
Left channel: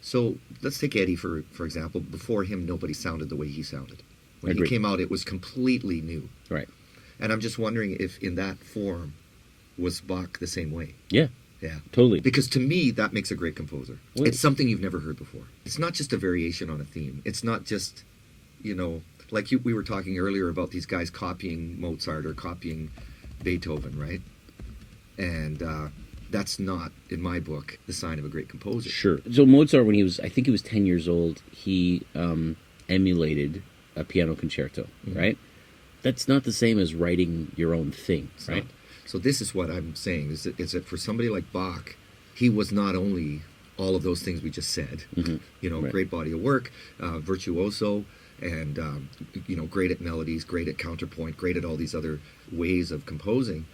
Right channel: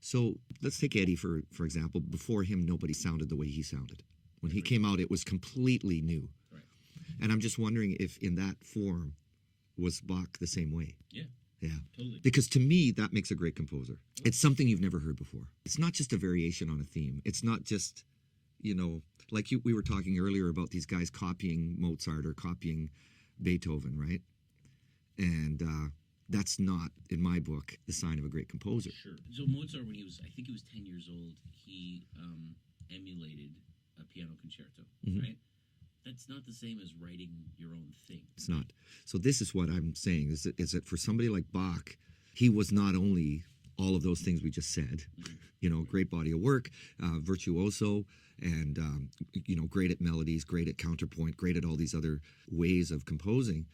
so let's take Eddie for example. Before him, nobody sounded the way he sounded. When Agreed. he came out, it was completely new. Right. And I'm just wondering if in that form was Bach the same way. Yeah, Yeah. totally. Because to me, that makes a great composer. Well- It's something you've never heard before. It's not just a variation on a theme. It's not just, like we were talking earlier about these guys copying Mozart or copying Beethoven, right? And that's not, in my book, the sign of a great composer. Sure. So Mozart, when I think he was 10 years old, he emulated a piano concerto, right? That's not the same as writing your own thing, So- right? So this is what I'm saying, is that for somebody like Bach, he was not only all of those things we just said, Right. great body of work, virtuoso, and, great at melodies, great at counterpoint, great at all these other ways of composing,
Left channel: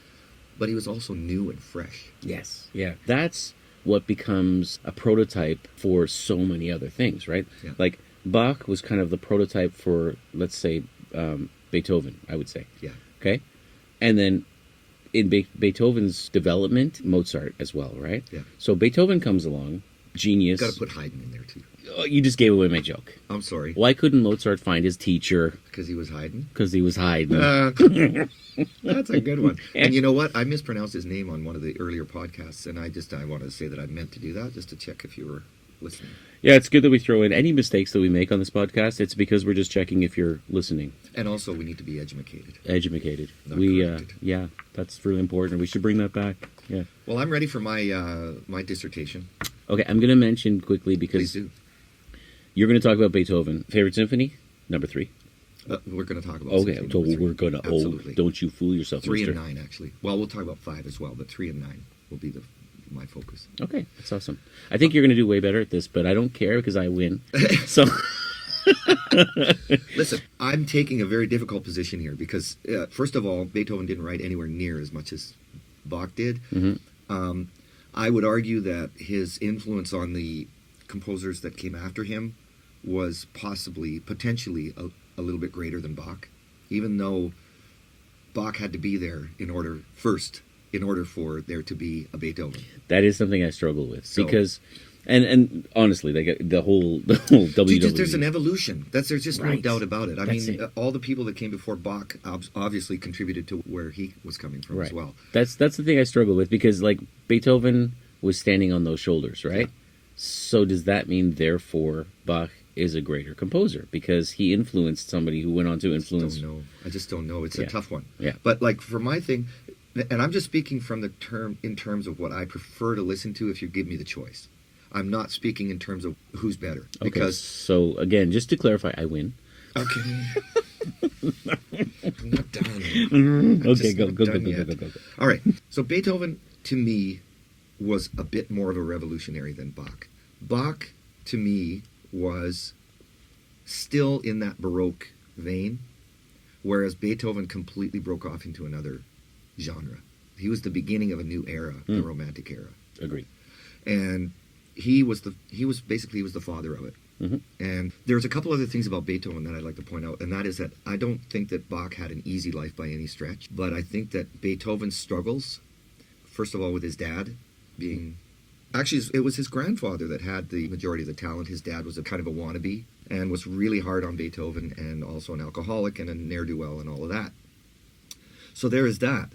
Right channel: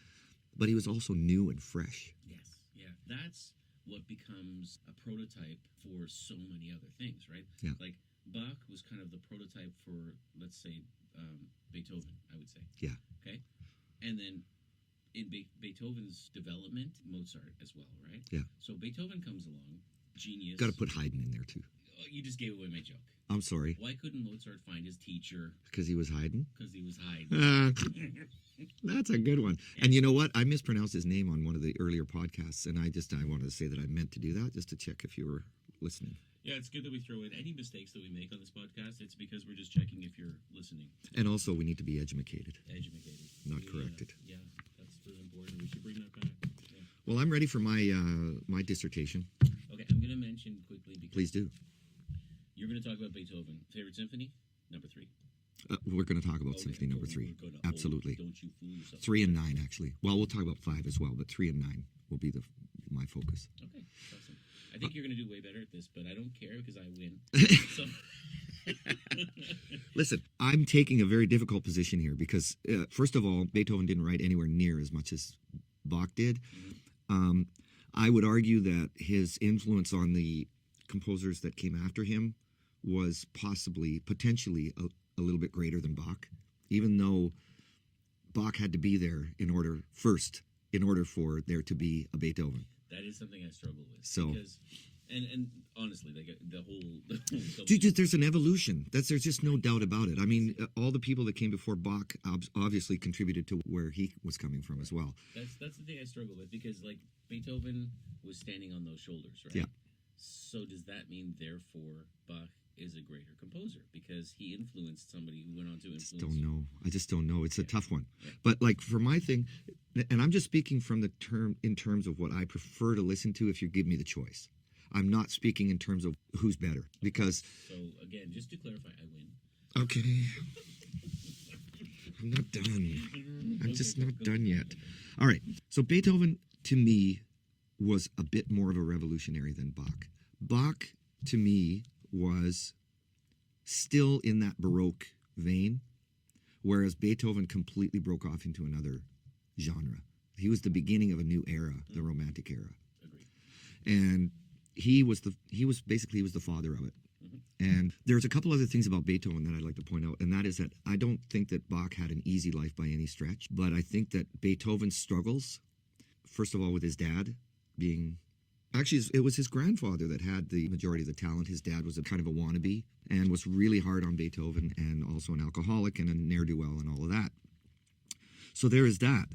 but he was also new and fresh. Yes. Yeah. That's what becomes a prototype for so many other things, right? Yeah. Like Bach was kind of the prototype for, let's say, Beethoven, I would say. Yeah. Okay? And then in Beethoven's development, Mozart as well, right? Yeah. So Beethoven comes along, genius. Got to put Haydn in there, too. Oh, you just gave away my joke. I'm sorry. Why couldn't Mozart find his teacher? Because he was Haydn? Because he was hiding. That's a good one. And you know what? I mispronounced his name on one of the earlier podcasts, and I wanted to say that I meant to do that just to check if you were listening. Yeah, it's good that we throw in any mistakes that we make on this podcast. It's because we're just checking if you're listening. And also, we need to be educated. Educated. Not We, corrected. yeah, that's really important. We should bring that back. Yeah. Well, I'm ready for my dissertation. Okay, I'm going to mention quickly because Please do. you're going to talk about Beethoven. Favorite symphony? Number 3. We're going to talk about Okay, symphony so number 3. we're going to. Absolutely. Don't you fool yourself, 3 mister. and 9, actually. Well, we'll talk about 5 as well, but 3 and 9 will be my focus. Okay, that's awesome. I think you're going to do way better at this, but I don't care because I win. So Listen, I'm taking a very difficult position here because, first of all, Beethoven didn't write anywhere near as much as Bach did. I would argue that his influence on the composers that came after him was potentially a little bit greater than Bach, even though Bach had to be there in order for there to be a Beethoven. That is something I struggle with because, and honestly, like the whole WWE. There's an evolution. There's just no Right. doubt about it. I That's mean, it. all the people that came before Bach obviously contributed to where he was coming from as well. That's the thing I struggle with because like Beethoven was standing on those shoulders, right? Yeah. So does that mean therefore Bach is a greater composer because he influenced somebody who went on to influence? I just don't know. It's a tough one. Yeah. But like for my thing, and I'm just speaking from in terms of what I prefer to listen to if you give me the choice. I'm not speaking in terms of who's better because. So again, just to clarify, I win. Okay. I'm not done. Okay, go. All right. So Beethoven, to me, was a bit more of a revolutionary than Bach. Bach, to me, was still in that Baroque vein, whereas Beethoven completely broke off into another genre. He was the beginning of a new era, the Romantic era. Agreed. And he was the father of it. Mm-hmm. And there's a couple other things about Beethoven that I'd like to point out, and that is that I don't think that Bach had an easy life by any stretch, but I think that Beethoven's struggles, first of all with his dad being... Actually, it was his grandfather that had the majority of the talent. His dad was a kind of a wannabe and was really hard on Beethoven and also an alcoholic and a ne'er-do-well and all of that. So there is that.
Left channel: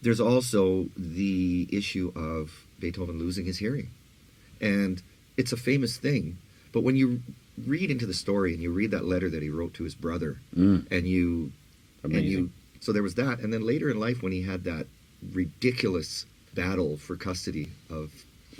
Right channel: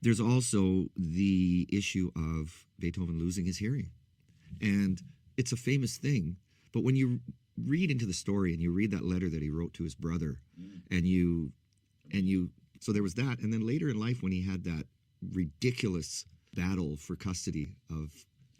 There's also the issue of Beethoven losing his hearing. And it's a famous thing, but when you read into the story and you read that letter that he wrote to his brother, so there was that. And then later in life when he had that ridiculous battle for custody of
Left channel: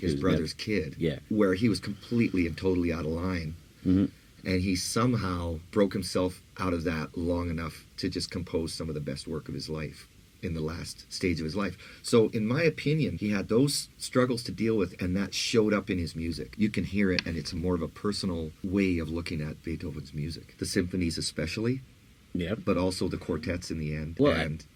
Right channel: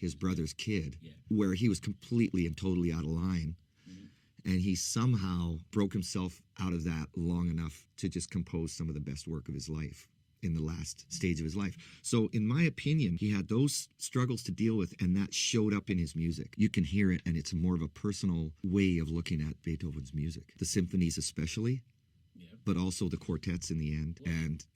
his brother's kid, where he was completely and totally out of line, and he somehow broke himself out of that long enough to just compose some of the best work of his life in the last stage of his life. So in my opinion, he had those struggles to deal with, and that showed up in his music. You can hear it, and it's more of a personal way of looking at Beethoven's music. The symphonies especially, but also the quartets in the end,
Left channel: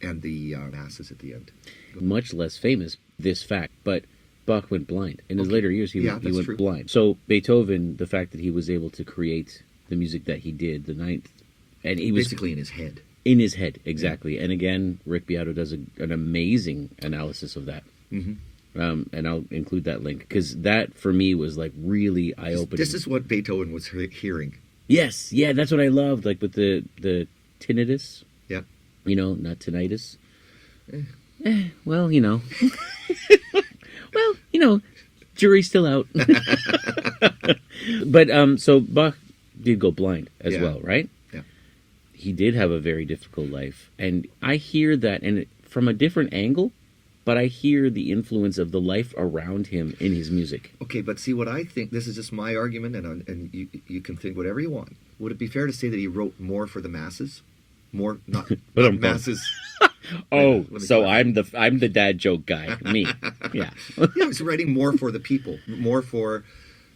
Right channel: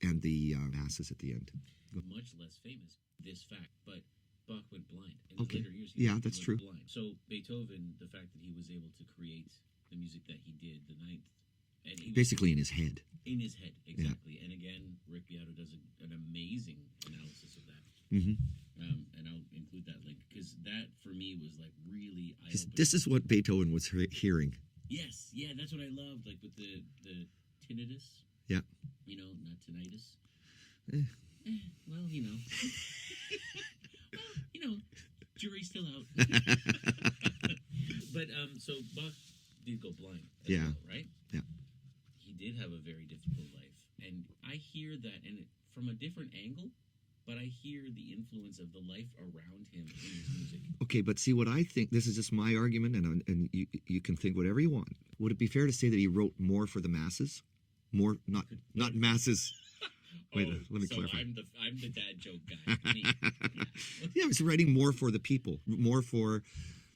and the masses at the end. Much less famous, this fact, but Bach went blind. In his later years, he went blind. So Beethoven, the fact that he was able to create the music that he did, the ninth, and he was... Basically in his head. In his head, exactly. And again, Rick Beato does an amazing analysis of that. And I'll include that link, because that, for me, was like really eye-opening. This is what Beethoven was hearing. Yes, yeah, that's what I loved, like with the tinnitus. Yeah. You know, not tinnitus. Well, you know. Well, you know, jury's still out. But, so Bach did go blind as well, right? Yeah. He did have a very difficult life. And I hear that, and from a different angle, but I hear the influence of the life around him in his music. Okay, but see what I think, this is just my argument, and you can think whatever you want. Would it be fair to say that he wrote more for the masses? More, not masses. Oh, so I'm the dad joke guy. Me. Yeah. Yeah, he's writing more for the people, more for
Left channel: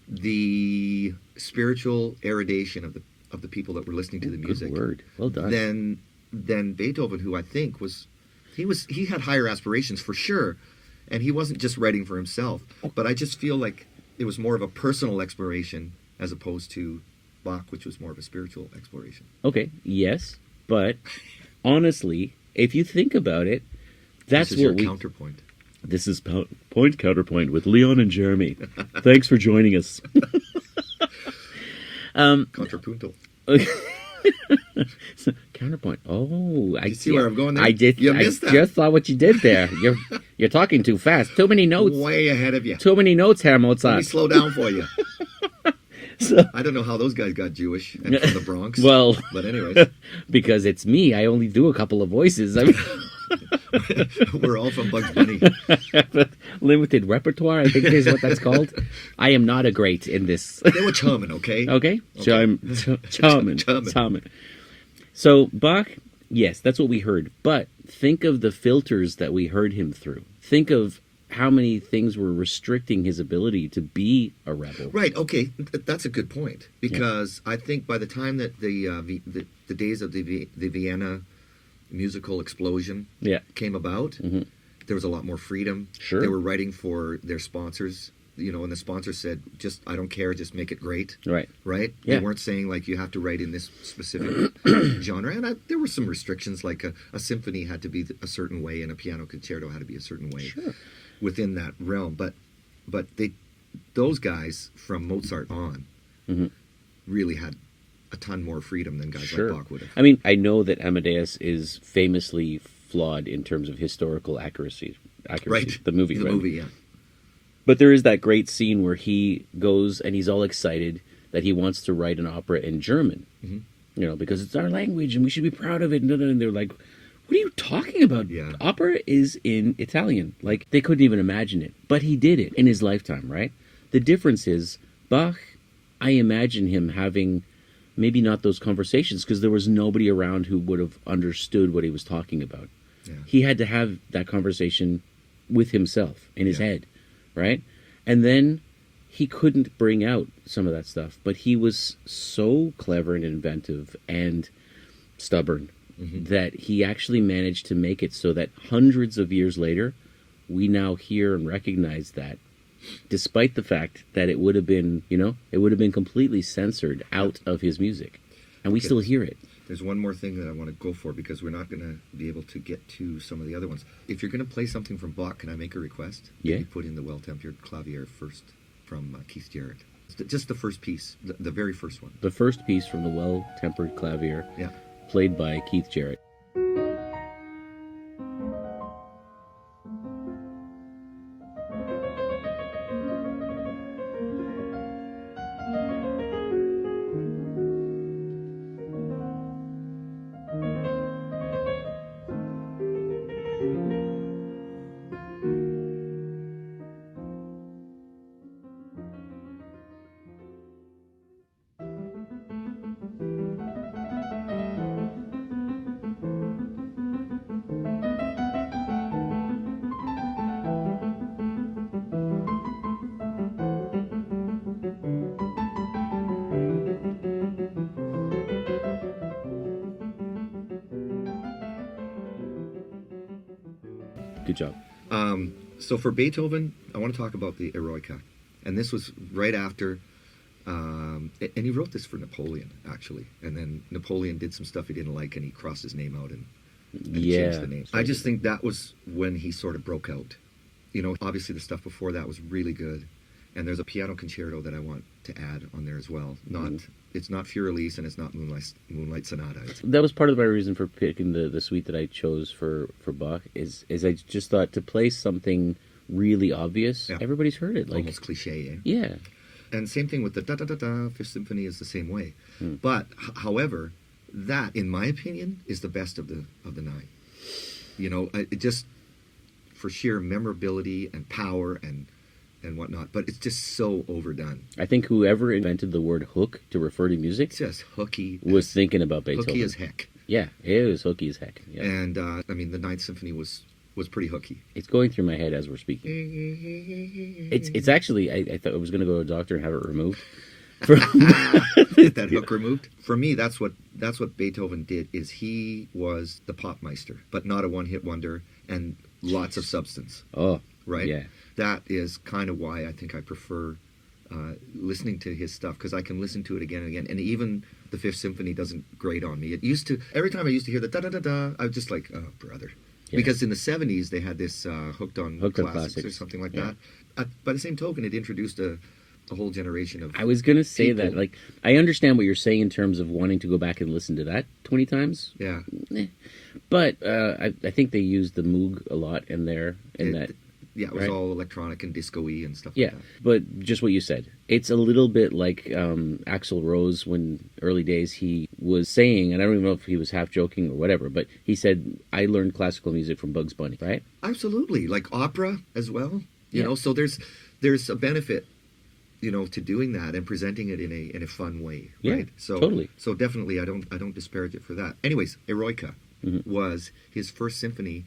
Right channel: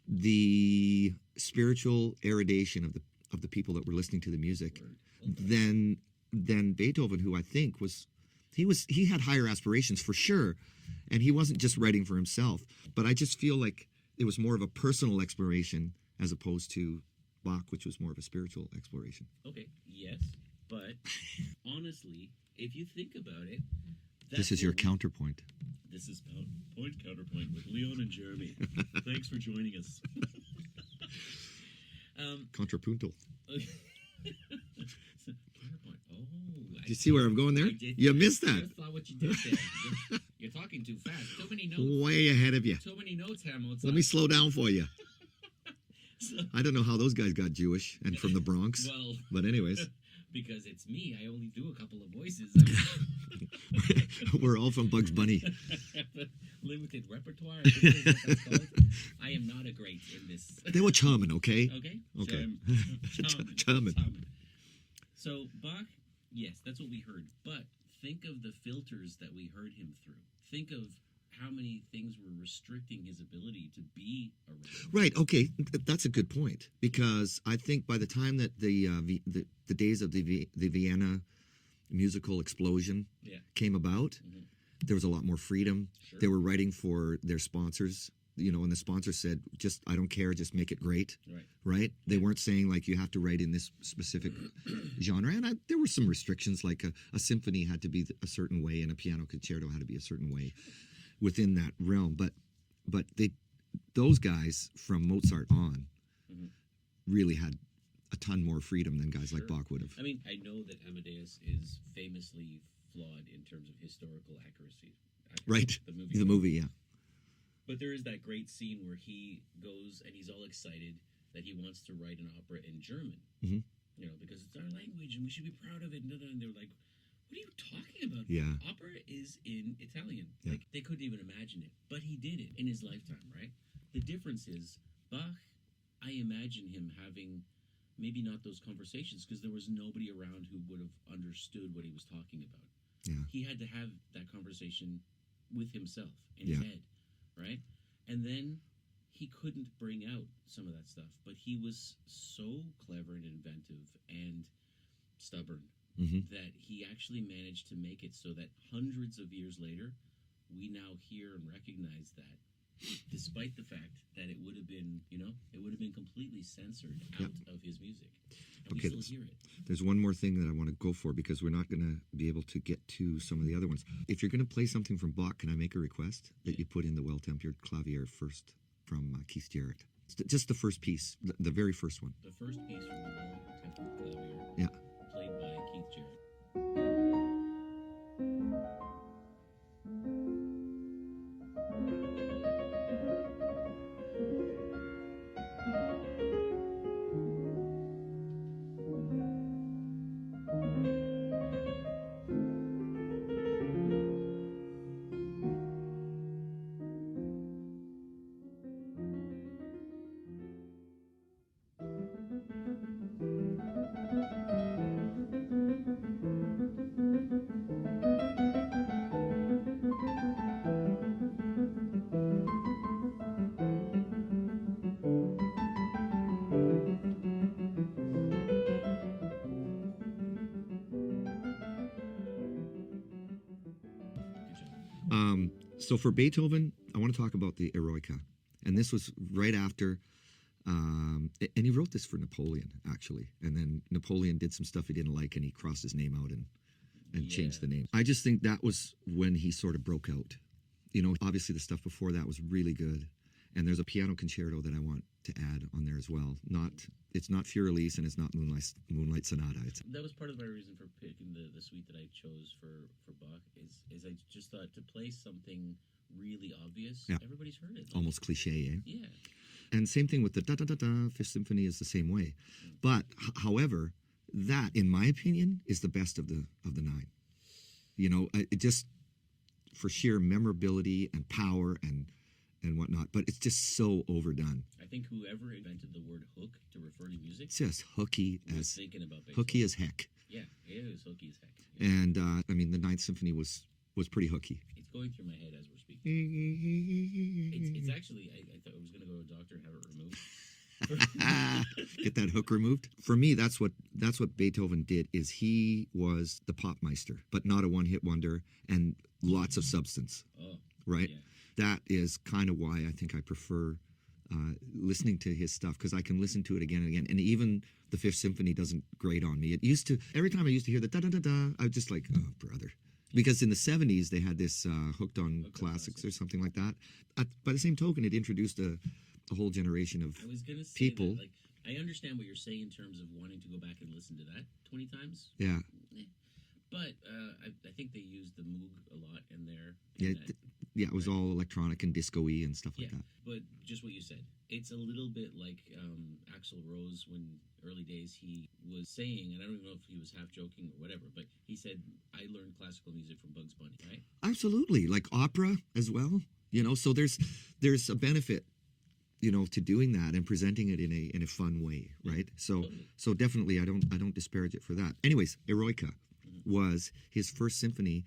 the spiritual erudition of the people that were listening to the music. Good word. Well done. Than Beethoven, who I think he had higher aspirations for sure, and he wasn't just writing for himself. But I just feel like it was more of a personal exploration as opposed to Bach, which was more of a spiritual exploration. Okay, yes, but honestly, if you think about it, that's this is your counterpoint. This is Point Counterpoint with Leon and Jeremy. Thanks for joining us. Contrapuntal. So, counterpoint. Oh, I see where I'm going there. I did. You missed that. I just saw what you did there. You're talking too fast. Too many notes. Way ahead of you. Too many notes, Herr Mozart. Let me slow down for you. So, I don't know how those guys got Jewish and from the Bronx. Well, but anyways, because it's me. I only do a couple of voices. I mean, we're all from Bugs Bunny. Limited repertoire, I think is what that's called. I am not a great in this. They were charming, okay? Okay. Charming. So Bach, yes, that's what we heard. But think of the filters that we heard him through. Think of how many things were restricting his ability to be a rebel. Right. Okay, that's a good point, because I think by the time that the days of the Vienna musical explosion came about, there was a lot more freedom. Sure. They were writing for their sponsors, and the sponsor said, "Just I don't care, just make it great." Right. Right. Yeah. They weren't saying like you have to write in this specific genre, and there were some restrictions, like a symphony had to be a certain way, and a piano concerto had to be a certain way. Sure. Within that realm, but those guys from Mozart on really had a ton more freedom than guys like Bach would have. I mean, I know that Amadeus is famously flawed in terms of historical accuracy. Right. The movie, the right? movie, yeah. But there is that great scene where he goes and he's all excited that he wants to write an opera in German, because it's our language and we should be proud of it. And they're like, what are you talking about? Yeah. Opera is in Italian. Like, they couldn't even imagine it. But he did it in his lifetime, right? The difference is, Bach, I imagine him having maybe not those conversations because there was nobody around who would have understood what he was talking about. Yeah. He had to have that conversation with himself in his head, right? And then he couldn't bring out some of that stuff. But he was so clever and inventive and stubborn that he actually managed to make it so that hundreds of years later, we now hear and recognize that, despite the fact that it would have been, it would have been completely censored out of his music. And we still hear it. There's one more thing that I want to go for, because we're not going to be able to get to some of the other ones. If you're going to play something from Bach, can I make a request? Yeah. That you put in the Well-Tempered Clavier first from Keith Jarrett. Just the first piece, the very first one. The first piece from the Well-Tempered Clavier, played by Keith Jarrett. Good job. So for Beethoven, I want to talk about the Eroica. And this was right after, and he wrote this for Napoleon, actually. And then Napoleon did some stuff he didn't like, and he crossed his name out and changed the name. I just think that was when he sort of broke out. Obviously the stuff before that was really good. And there's a piano concerto that I want to add on there as well. It's not Fur-Elise and it's not Moonlight Sonata. That was part of my reason for picking the suite that I chose for Bach. Is I just thought to play something really obvious. Yeah. Everybody's heard it. Like, almost cliche, eh? Yeah. And same thing with the da-da-da-da, Fifth Symphony is the same way. But, however, that, in my opinion, is the best of the nine. It just, for sheer memorability and power and whatnot, but it's just so overdone. I think whoever invented the word hook to refer to music, it's just hooky, was thinking about Beethoven. Hooky as heck. Yeah, it was hooky as heck. Yeah. And I mean, the Ninth Symphony was pretty hooky. It's going through my head as we're speaking. It's actually, I thought I was going to go to a doctor and have it removed. Get that hook removed. For me, that's what Beethoven did. Is he was the popmeister, but not a one-hit wonder, and lots of substance. Oh, right. Yeah. That is kind of why I think I prefer listening to his stuff, because I can listen to it again and again. And even the Fifth Symphony doesn't grate on me. It used to, every time I used to hear the da-da-da-da, I was just like, oh, brother. Yeah. Because in the 70s, they had this Hooked on Classics or something like that. By the same token, it introduced a whole generation of I was going to say people. that. Like, I understand what you're saying in terms of wanting to go back and listen to that 20 times. Yeah. But I think they used the Moog a lot in there. Yeah, it was all electronic and disco-y and stuff like that. But just what you said. It's a little bit like Axl Rose, when early days he was saying, and I don't even know if he was half joking or whatever, but he said, I learned classical music from Bugs Bunny, right? Absolutely. Like opera as well. You know, so there's a benefit, to doing that and presenting it in a fun way, right? So totally. So definitely I don't disparage it for that. Anyways, Eroica was his first symphony.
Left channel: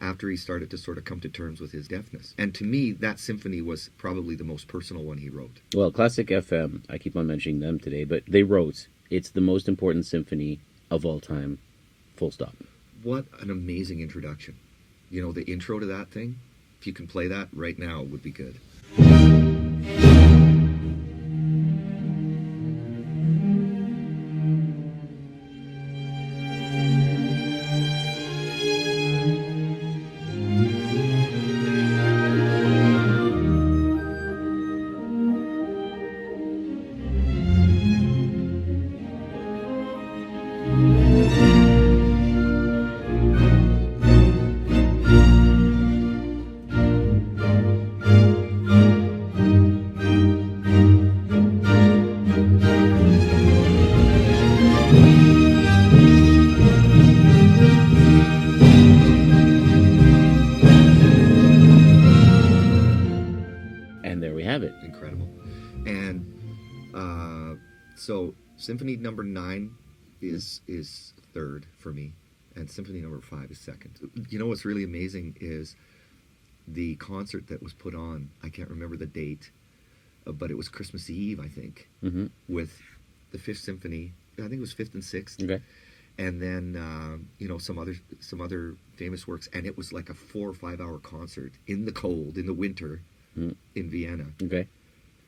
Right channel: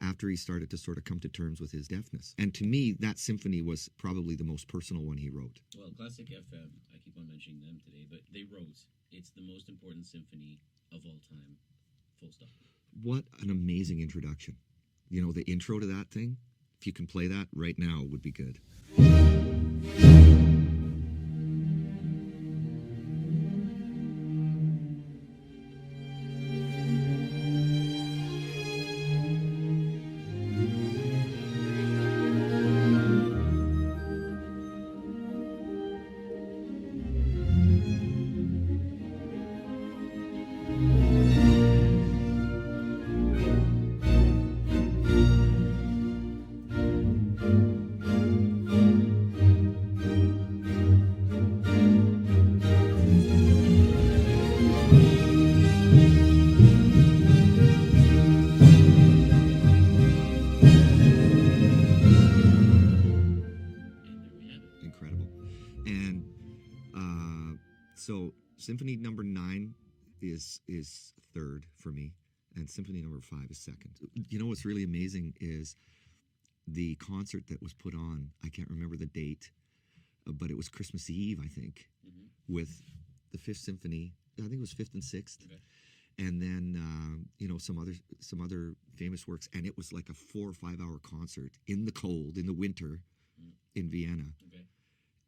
after he started to sort of come to terms with his deafness. And to me, that symphony was probably the most personal one he wrote. Well, Classic FM, I keep on mentioning them today, but they wrote, it's the most important symphony of all time, full stop. What an amazing introduction. You know, the intro to that thing, if you can play that right now, it would be good. Incredible. And so Symphony number 9 is third for me, and Symphony number 5 is second. You know what's really amazing is the concert that was put on, I can't remember the date, but it was Christmas Eve, I think, with the 5th Symphony. I think it was 5th and 6th. Okay. And then some other famous works, and it was like a 4 or 5 hour concert in the cold, in the winter, in Vienna. Okay.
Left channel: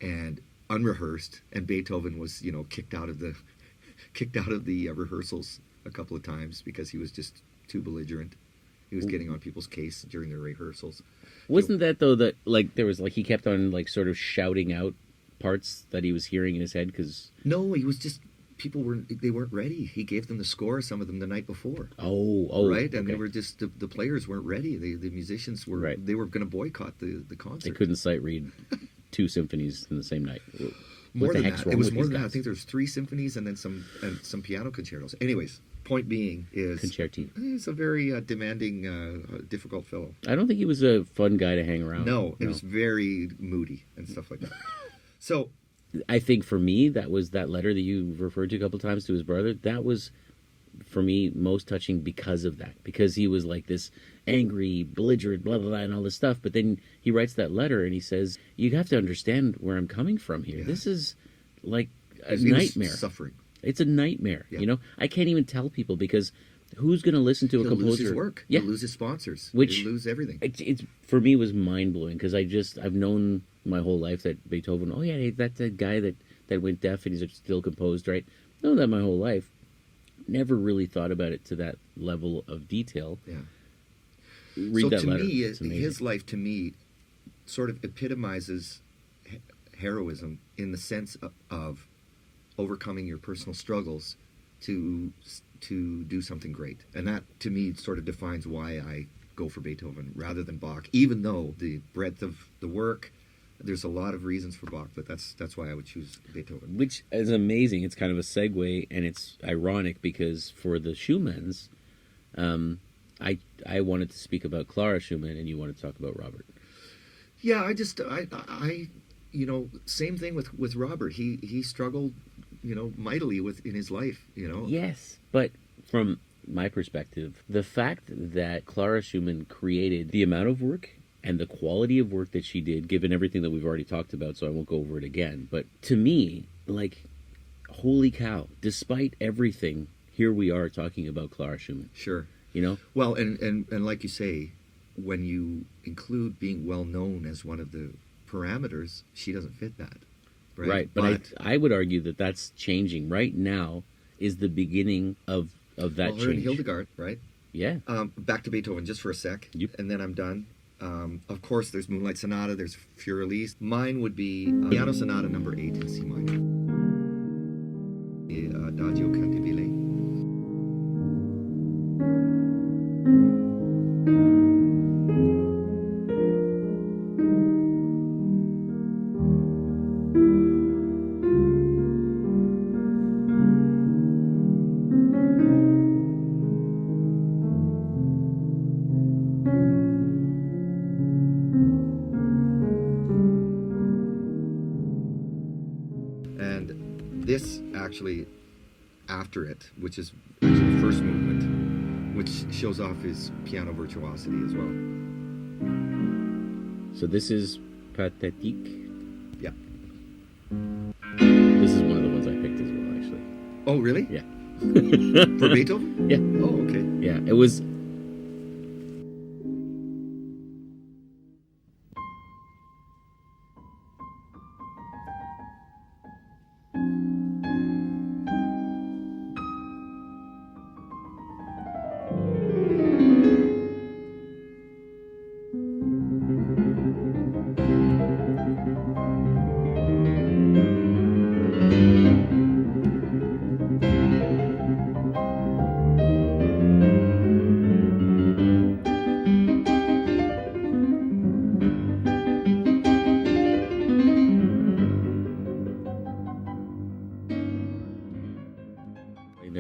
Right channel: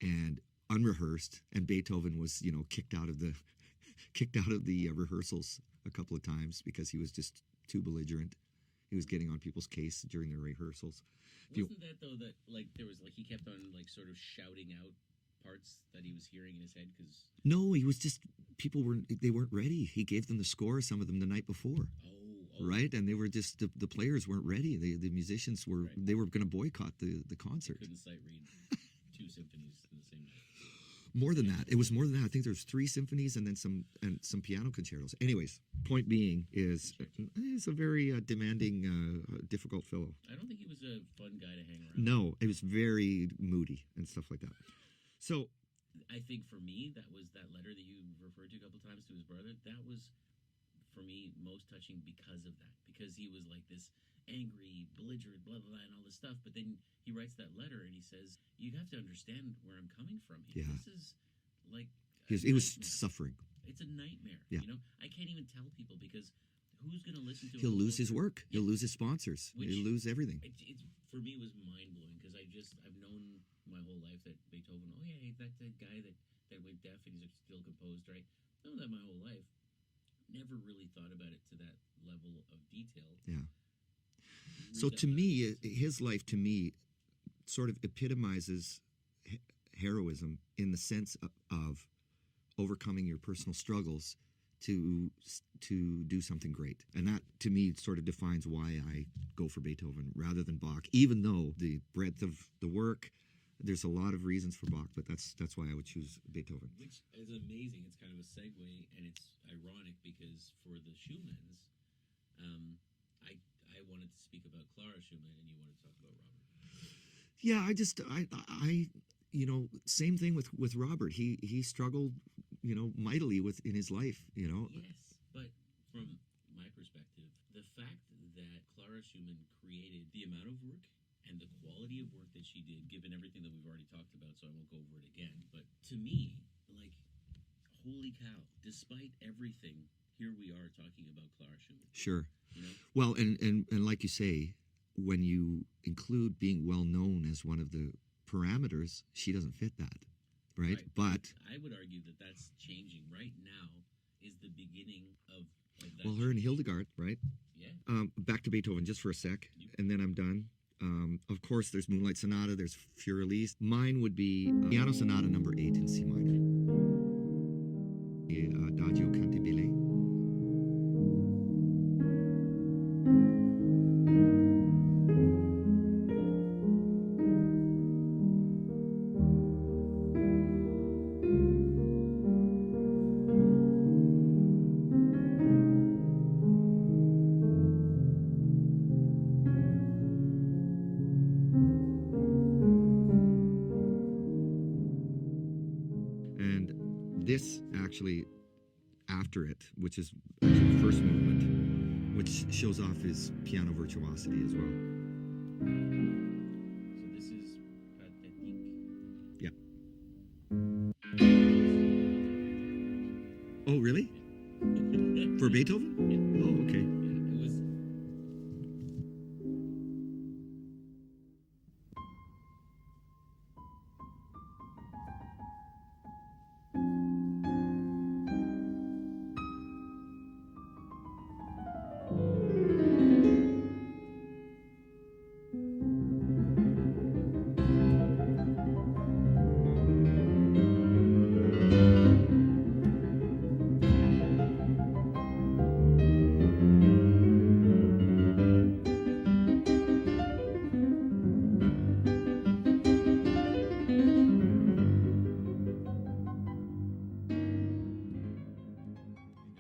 And unrehearsed, and Beethoven was kicked out of the rehearsals a couple of times because he was just too belligerent. He was getting on people's case during their rehearsals. Wasn't that though that there was he kept on sort of shouting out parts that he was hearing in his head because no, he was just people weren't ready. He gave them the score, some of them the night before. Oh, right, and okay. they were just the players weren't ready. The musicians were right. They were going to boycott the concert. They couldn't sight read 2 symphonies in the same night. More than that. It was more than that. I think there's 3 symphonies and then some piano concertos. Anyways, point being is Concerti. He's a very demanding, difficult fellow. I don't think he was a fun guy to hang around. No, he was very moody and stuff like that. So I think for me, that was that letter that you referred to a couple of times to his brother. That was, for me, most touching because of that. Because he was like this angry, belligerent, blah, blah, blah, and all this stuff. But then he writes that letter and he says, you have to understand where I'm coming from here. Yeah. This is like a nightmare. Suffering. It's a nightmare. Yeah. I can't even tell people because who's going to listen to a composer? He'll lose his work. Yeah. He'll lose his sponsors. Which, he'll lose everything. It's for me, was mind-blowing because I've known my whole life that Beethoven, oh yeah, that's that guy that went deaf and he's still composed, right? Known that my whole life. Never really thought about it to that level of detail. Yeah. Read that to letter. Me, his life to me sort of epitomizes heroism in the sense of overcoming your personal struggles to do something great. And that, to me, sort of defines why I go for Beethoven rather than Bach, even though the breadth of the work, there's a lot of reasons for Bach, but that's why I would choose Beethoven. Which is amazing. It's kind of a segue, and it's ironic because for the Schumanns, I wanted to speak about Clara Schumann, and you wanted to talk about Robert. Yeah, I same thing with Robert. He struggled, mightily in his life, Yes, but from my perspective, the fact that Clara Schumann created the amount of work and the quality of work that she did, given everything that we've already talked about, so I won't go over it again. But to me, holy cow, despite everything, here we are talking about Clara Schumann. Sure. Well, and like you say, when you include being well known as one of the parameters, she doesn't fit that. Right. But I would argue that that's changing. Right now is the beginning of that change. Her and Hildegard, right? Yeah. Back to Beethoven just for a sec, yep. And then I'm done. Of course, there's Moonlight Sonata, there's Furelise. Mine would be Piano Sonata number 8 in C minor. Adagio Cantabile. This actually, after it, which is actually the first movement, which shows off his piano virtuosity as well. So this is Pathétique. Yeah. This is one of the ones I picked as well, actually. Oh, really? Yeah. For Beethoven? Yeah. Oh, okay. Yeah, it was.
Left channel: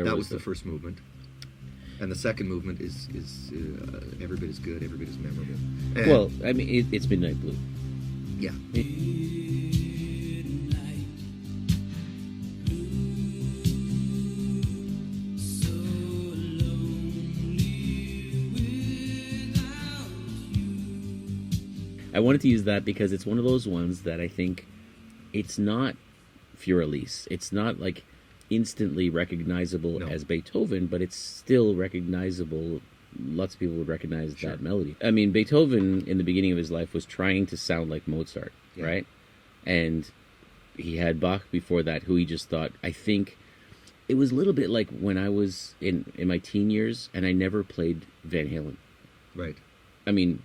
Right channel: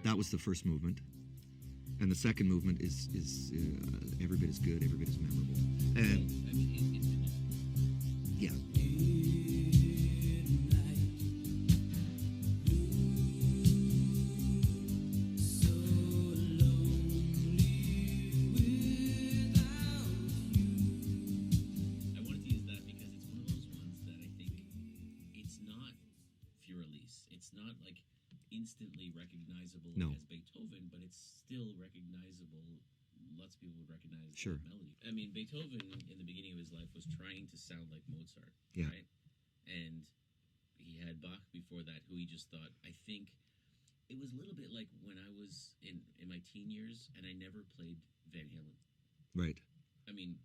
That was the first movement. And the second movement is every bit as good, every bit as memorable. And Well, I mean, it's Midnight Blue. yeah. I wanted to use that because it's one of those ones that I think it's not Fur-Elise. It's not like instantly recognizable No. as Beethoven, but it's still recognizable. Lots of people would recognize Sure. that melody. I mean, Beethoven in the beginning of his life was trying to sound like Mozart, Yeah. right? And he had Bach before that, who he just thought, I think it was a little bit like when I was in my teen years and I never played Van Halen. Right. I mean,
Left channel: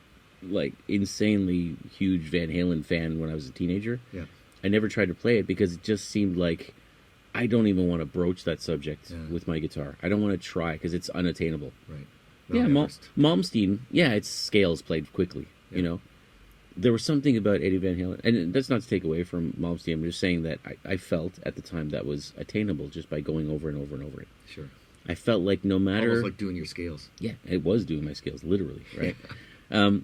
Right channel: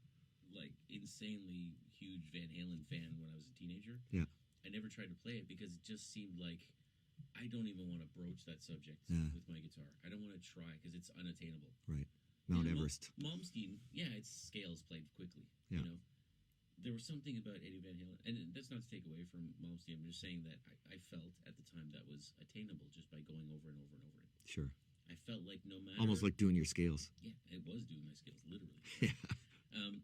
like insanely huge Van Halen fan when I was a teenager. Yeah. I never tried to play it because it just seemed like I don't even want to broach that subject Yeah. with my guitar. I don't want to try because it's unattainable. Right. Yeah, Mount Everest. Malmsteen, yeah, its scales played quickly, Yeah. you know. There was something about Eddie Van Halen, and that's not to take away from Malmsteen. I'm just saying that I felt at the time that was attainable just by going over and over and over it. Sure. I felt like no matter... Almost like doing your scales. Yeah, it was doing my scales, literally, right?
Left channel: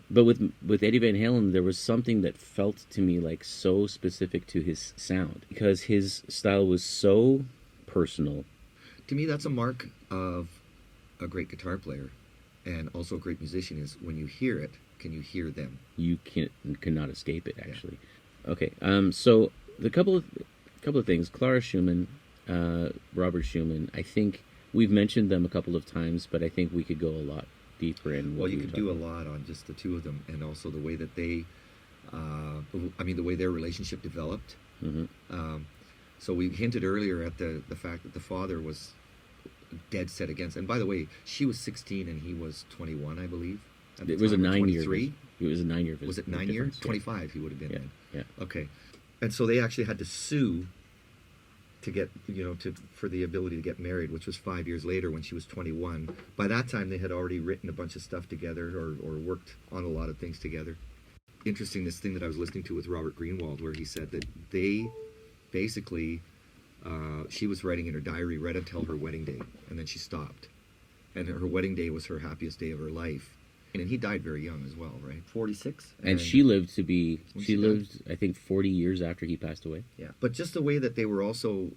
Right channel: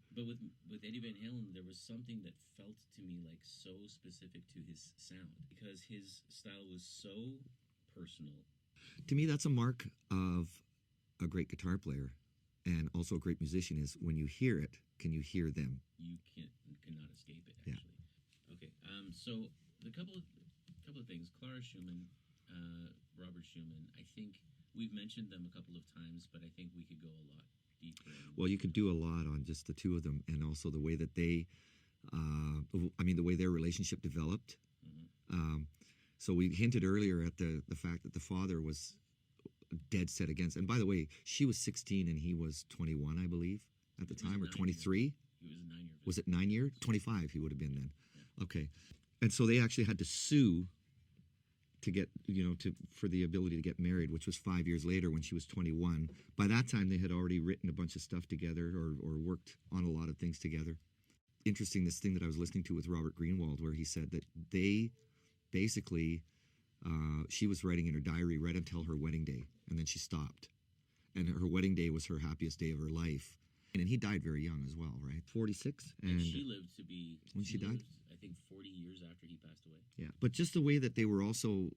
But with Eddie Van Halen, there was something that felt to me like so specific to his sound because his style was so personal. To me, that's a mark of a great guitar player and also a great musician is when you hear it, can you hear them? You cannot escape it, actually. Yeah. Okay, so the couple of things. Clara Schumann, Robert Schumann, I think we've mentioned them a couple of times, but I think we could go a lot deeper in. Well, you could do a lot on just the two of them, and also the way that they, the way their relationship developed. Mm-hmm. So we hinted earlier at the fact that the father was dead set against. And by the way, she was 16 and he was 21, I believe. It was a 9-year. 23. It was a 9-year. Was it 9 years? 25. He would have been then. Yeah. Okay. And so they actually had to sue to get, for the ability to get married, which was 5 years later when she was 21. By that time, they had already written a bunch of stuff together or worked on a lot of things together. Interesting, this thing that I was listening to with Robert Greenwald, where he said that they basically, she was writing in her diary right until her wedding day, and then she stopped. And her wedding day was her happiest day of her life. And he died very young as well, right? 46? And she lived to be, When she she lived, I think, 40 years after he passed away. Yeah. But just the way that they were also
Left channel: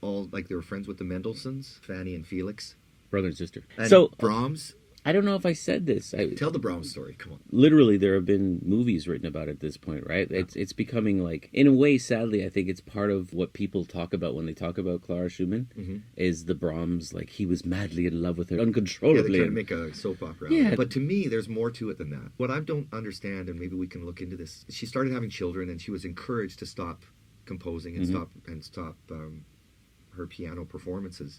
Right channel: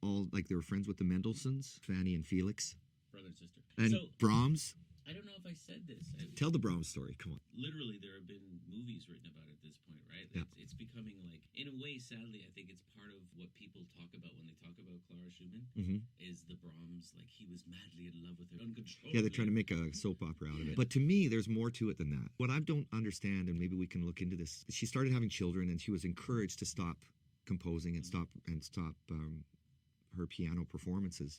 all, like they were friends with the Mendelssohns, Fanny and Felix. Brother and sister. And So, Brahms. I don't know if I said this. Tell the Brahms story. Come on. Literally, there have been movies written about it at this point, right? Yeah. It's becoming like, in a way, sadly, I think it's part of what people talk about when they talk about Clara Schumann, Mm-hmm. is the Brahms, like he was madly in love with her Yeah, uncontrollably. they try to make a soap opera. Yeah. But to me, there's more to it than that. What I don't understand, and maybe we can look into this, she started having children, and she was encouraged to stop composing and Mm-hmm. stop her piano performances.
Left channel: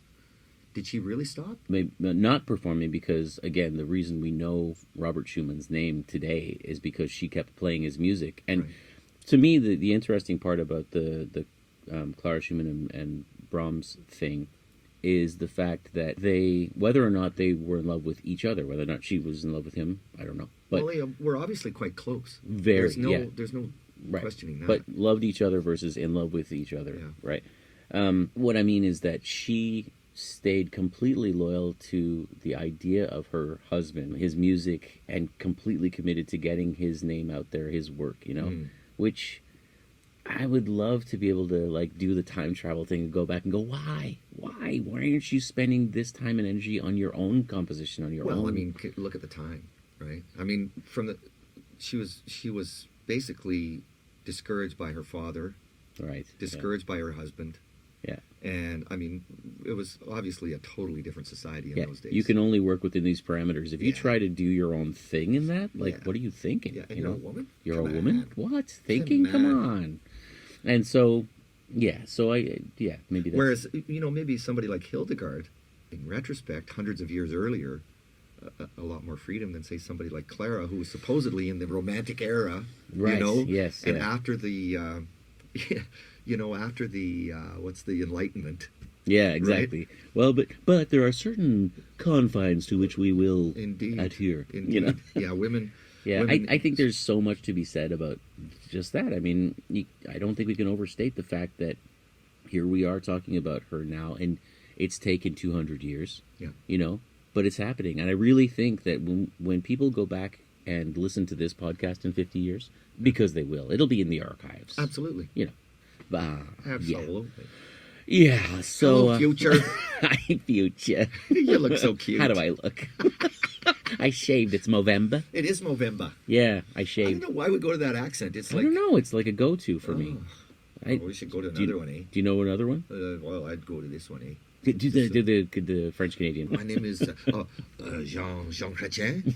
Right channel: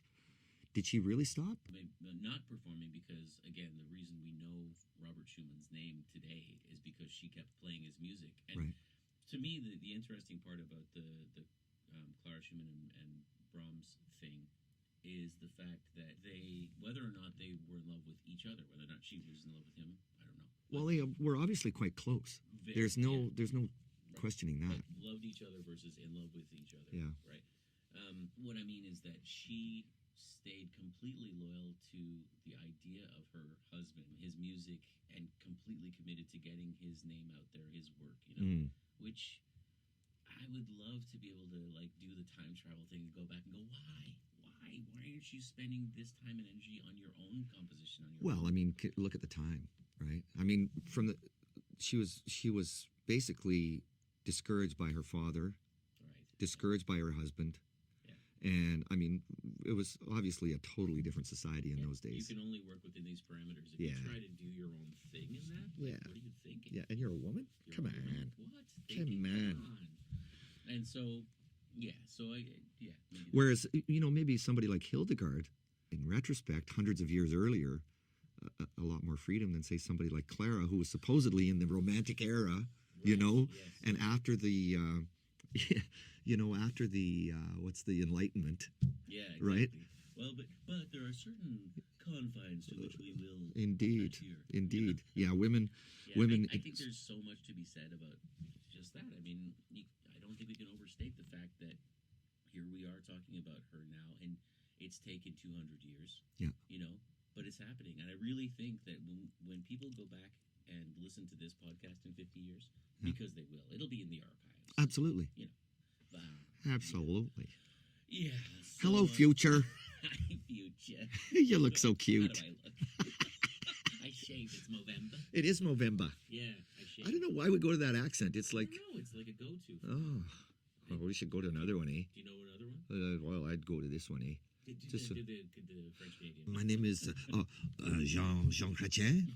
Did she really stop? Maybe not performing because, again, the reason we know Robert Schumann's name today is because she kept playing his music. And Right. to me, the interesting part about the Clara Schumann and Brahms thing is the fact that they, whether or not they were in love with each other, whether or not she was in love with him, I don't know. But Well, they were obviously quite close. very, There's no, yeah. there's no Right. questioning that. But loved each other versus in love with each other, Yeah. right? What I mean is that she stayed completely loyal to the idea of her husband, his music, and completely committed to getting his name out there, his work, which I would love to be able to like do the time travel thing and go back and go, why aren't you spending this time and energy on your own composition, on your own? Well, I mean, look at the time, right? I mean, she was basically discouraged by her father, right? discouraged by her husband. Yeah. And I mean, it was obviously a totally different society in those days. You can only work within these parameters. If you try to do your own thing in that, like, what are you thinking? Yeah, and you're a woman? You're a woman? What? Thinking? Come on. And so, maybe that's... Whereas, maybe somebody like Hildegard, in retrospect, hundreds of years earlier, a lot more freedom than, say, somebody like Clara, who was supposedly in the Romantic era, right? Yes. And after the... after the what's the Enlightenment? Yeah, exactly. Right? Well, but there are certain confines to which we will adhere. Indeed. Yeah, women. Yeah, I think there's so much to be said about just that. I mean, I don't think we can overstate the fact that here we are talking about her now, and it's taken 200 years. Yeah. But it's happening, and I really think that when people go back and listen to this podcast in 50 years, because they will, it'll be in the archives. Absolutely. Absolutely. Yeah. So hello, future. Hi, future. You look so cute. How do I look? I shaved. It's Movember. It is Movember. Yeah, I shaved. I don't know why we go to that accent. It's like... I don't know. It's like a go-to for me. We should go to another one, eh? Do you know another one? Well, I'd go to this one, eh? Do the French-Canadian. My name is Jean Chrétien.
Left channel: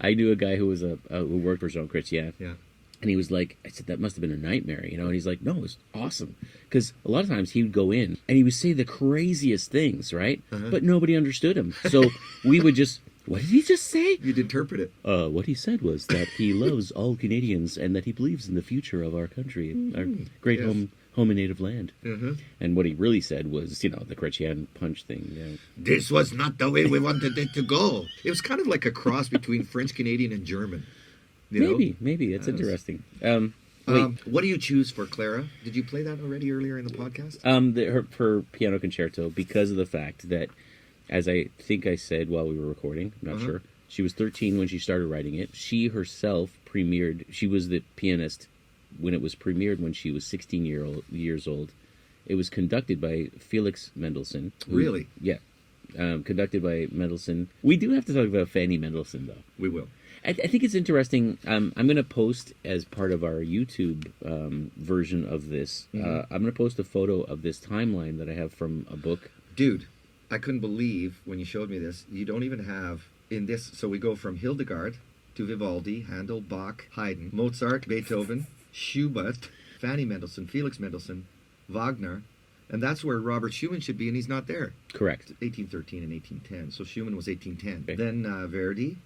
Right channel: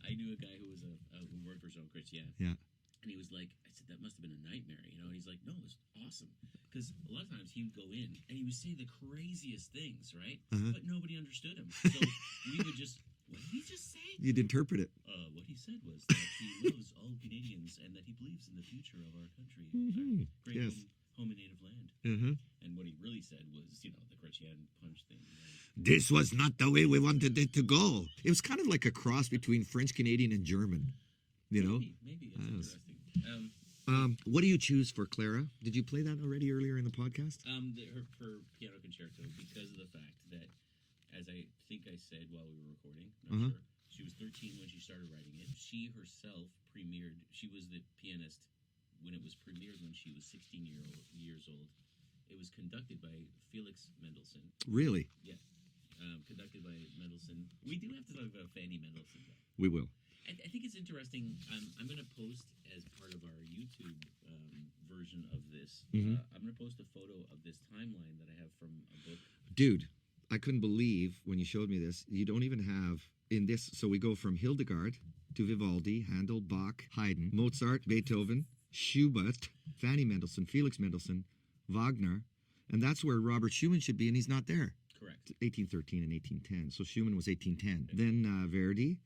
I knew a guy who was who worked for Jean Chrétien. Yeah. And he was like, I said, that must have been a nightmare, And he's like, no, it was awesome. Because a lot of times he would go in and he would say the craziest things, right? But nobody understood him. So we would just, what did he just say? You'd interpret it. What he said was that he loves all Canadians and that he believes in the future of our country, our great home and native land. And what he really said was, the Chrétien punch thing. Yeah. This was not the way we wanted it to go. It was kind of like a cross between French Canadian and German. Maybe. That's interesting. What do you choose for Clara? Did you play that already earlier in the podcast? Her piano concerto, because of the fact that, as I think I said while we were recording, I'm not sure, she was 13 when she started writing it. She herself premiered, she was the pianist when it was premiered when she was 16 years old. It was conducted by Felix Mendelssohn. Really? Yeah. Conducted by Mendelssohn. We do have to talk about Fanny Mendelssohn, though. We will. I think it's interesting. I'm going to post, as part of our YouTube version of this, I'm going to post a photo of this timeline that I have from a book. Dude, I couldn't believe when you showed me this. You don't even have in this. So we go from Hildegard to Vivaldi, Handel, Bach, Haydn, Mozart, Beethoven, Schubert, Fanny Mendelssohn, Felix Mendelssohn, Wagner. And that's where Robert Schumann should be, and he's not there. Correct. 1813 and 1810. So Schumann was 1810. Okay. Then Verdi.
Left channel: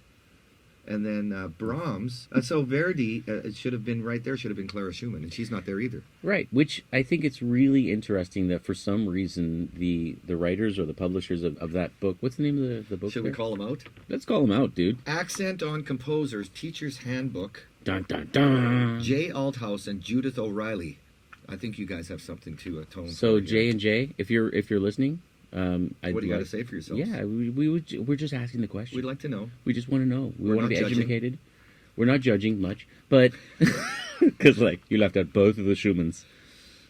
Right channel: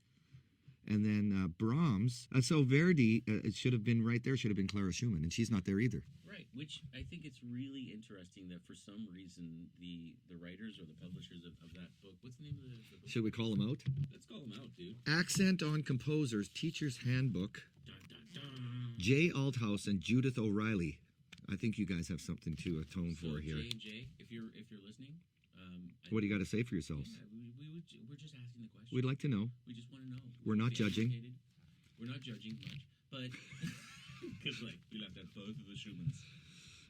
And then Brahms. And so Verdi, it should have been right there, should have been Clara Schumann, and she's not there either. Right, which I think it's really interesting that for some reason the writers or the publishers of that book, what's the name of the book? Should we call them out? Let's call them out, dude. Accent on Composers, Teacher's Handbook. Dun, dun, dun. Jay Althouse and Judith O'Reilly. I think you guys have something to atone for. So J and J, if you're listening... what do you got to say for yourselves? Yeah, we're just asking the question. We'd like to know. We just want to know. We want to be judging. educated. We're not judging much, but because you left out both of the Schumanns.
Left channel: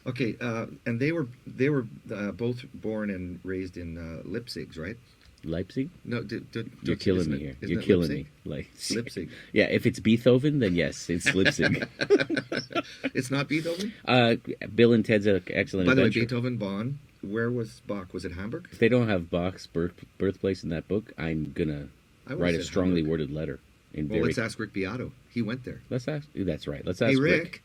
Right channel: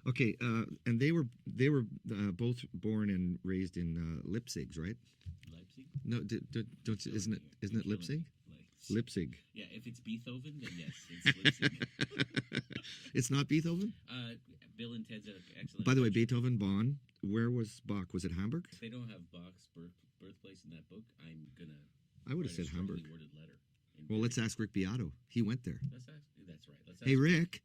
Okay, and they were both born and raised in Leipzig, right? Leipzig? No, you're killing me here. You're killing me. Leipzig. Yeah, if it's Beethoven, then yes, it's Leipzig. It's not Beethoven? Bill and Ted's Excellent By the way, Adventure. Beethoven, Bonn. Where was Bach? Was it Hamburg? If they don't have Bach's birthplace in that book, I'm gonna write a strongly worded letter. Let's ask Rick Beato. He went there. Let's ask. That's right. Let's ask. Hey, Rick.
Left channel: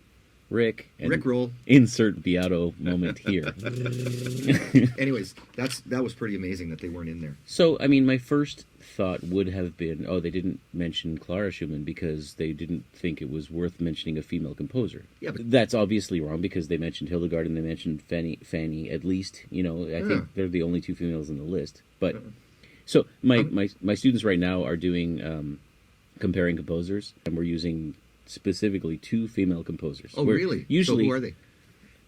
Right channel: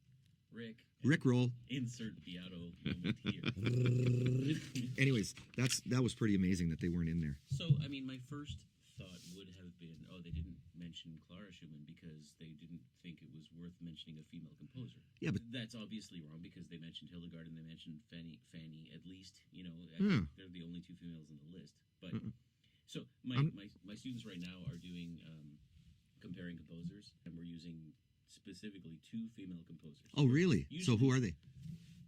Rick roll. Insert Beato moment here. Anyways, that was pretty amazing that they weren't in there. So, I mean, my first thought would have been, they didn't mention Clara Schumann because they didn't think it was worth mentioning a female composer. Yeah, but that's obviously wrong because they mentioned Hildegard and they mentioned Fanny at least. I think they're the only two females on the list. But so my students right now are doing comparing composers, and we're using specifically two female composers. Oh, really? Usually, so who are they?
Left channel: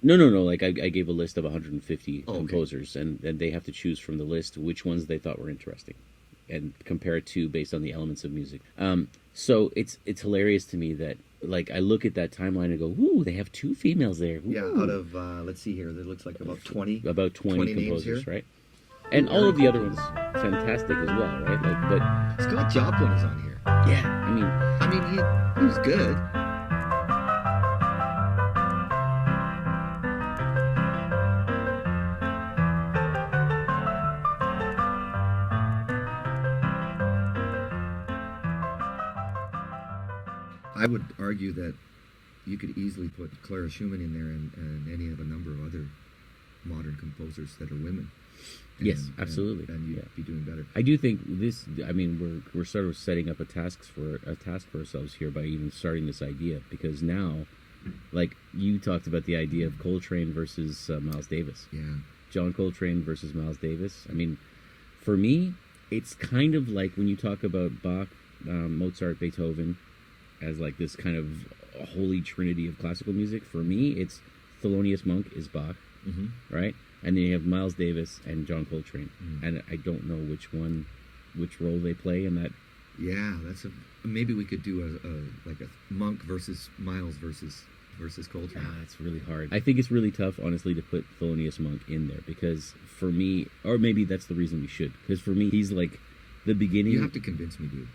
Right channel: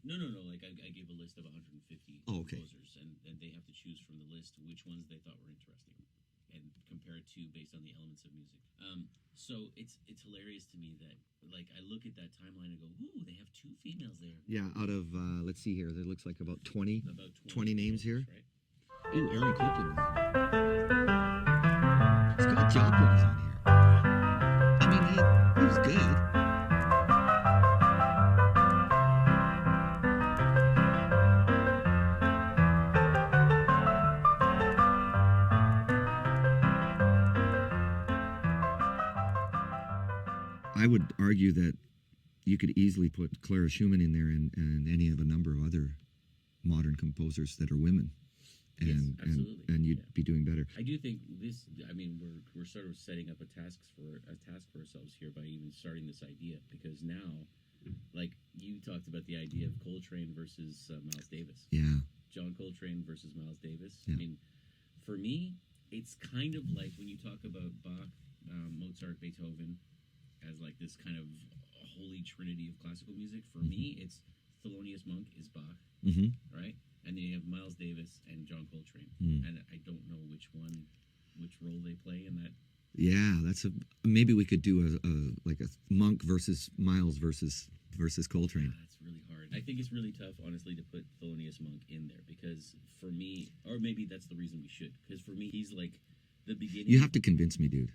No. Like I gave a list of 150 composers, and they have to choose from the list which ones they thought were interesting, and compare it to based on the elements of music. So it's hilarious to me that like I look at that timeline and go, "Ooh, they have 2 females there." Ooh. Yeah, out of let's see here, there looks like about 20 20 names composers, here. right? And all of the other ones fantastic as well, right? Scott Joplin is on here. But yeah, I mean, he was good. I would argue that you could easily put Clara Schumann in there and any of a number of other modern composers that are women. Yes, absolutely. And you'd be doing better. I do think this. I mean, we're sort of setting up a task for ourselves here by even starting this idea, because now, like you talked about the idea of Coltrane versus Miles Davis. Yeah. John Coltrane versus Miles Davis. I mean, for me, it's kind of like when you talk about Bach, Mozart, Beethoven, as like this kind of holy trinity of classical music. For me, it's Thelonious Monk is Bach, right? And then you have Miles Davis and John Coltrane, and I don't know which role they play in that. Yeah, maybe we could do a Monk versus Miles versus Coltrane. It's really hard. I think it's really tough, honestly, to put Thelonious Monk in there, because for me, or maybe that's the reason we should, because for me, he's like the beginning. You have to convince me, dude.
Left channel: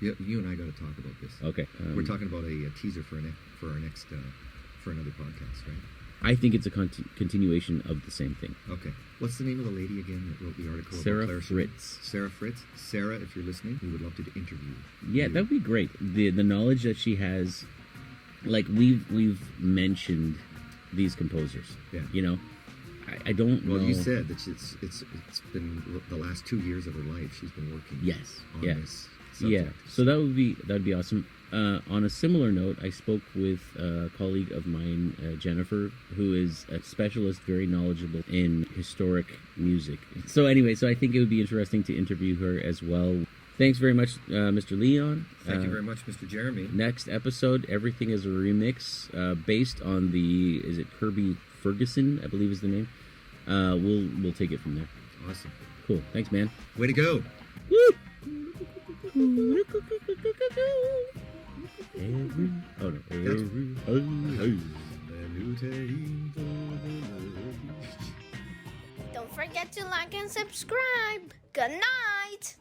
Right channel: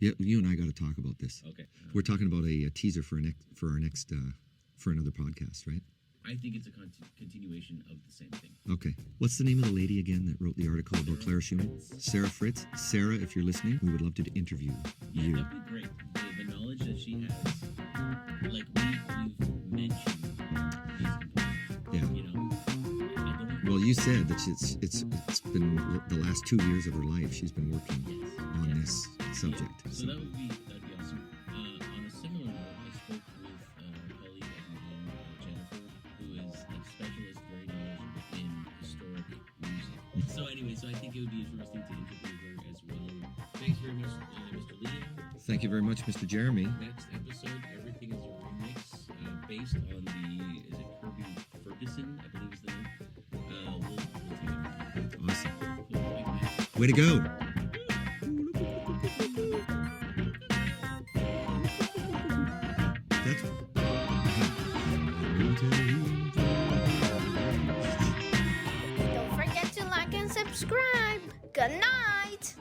You and I got to talk about this. Okay. We're talking about a teaser for our next for another podcast, right? I think it's a continuation of the same thing. Okay. What's the name of the lady again that wrote the article about Clara Schumann? Fritz. Sarah Fritz. Sarah, if you're listening, we would love to interview you. Yeah, that'd be great. The knowledge that she has, like we've mentioned these composers. Yeah. You know, I don't know. Well, you said that it's been the last 2 years of her life she's been working. On this subject. Yeah. So that'd be awesome. On a similar note, I spoke with a colleague of mine, Jennifer, who is a specialist, very knowledgeable in historic music. So anyway, I think it would be interesting to interview her as well. Thanks very much, Mr. Leon. Thank you very much, Mr. Jeremy. Next episode, everything is a remix based on is it Kirby Ferguson, I believe is the name. We'll take it from there. Awesome. Cool. Thanks, man. Way to go. Woo! Don't forget to like and subscribe. Good night.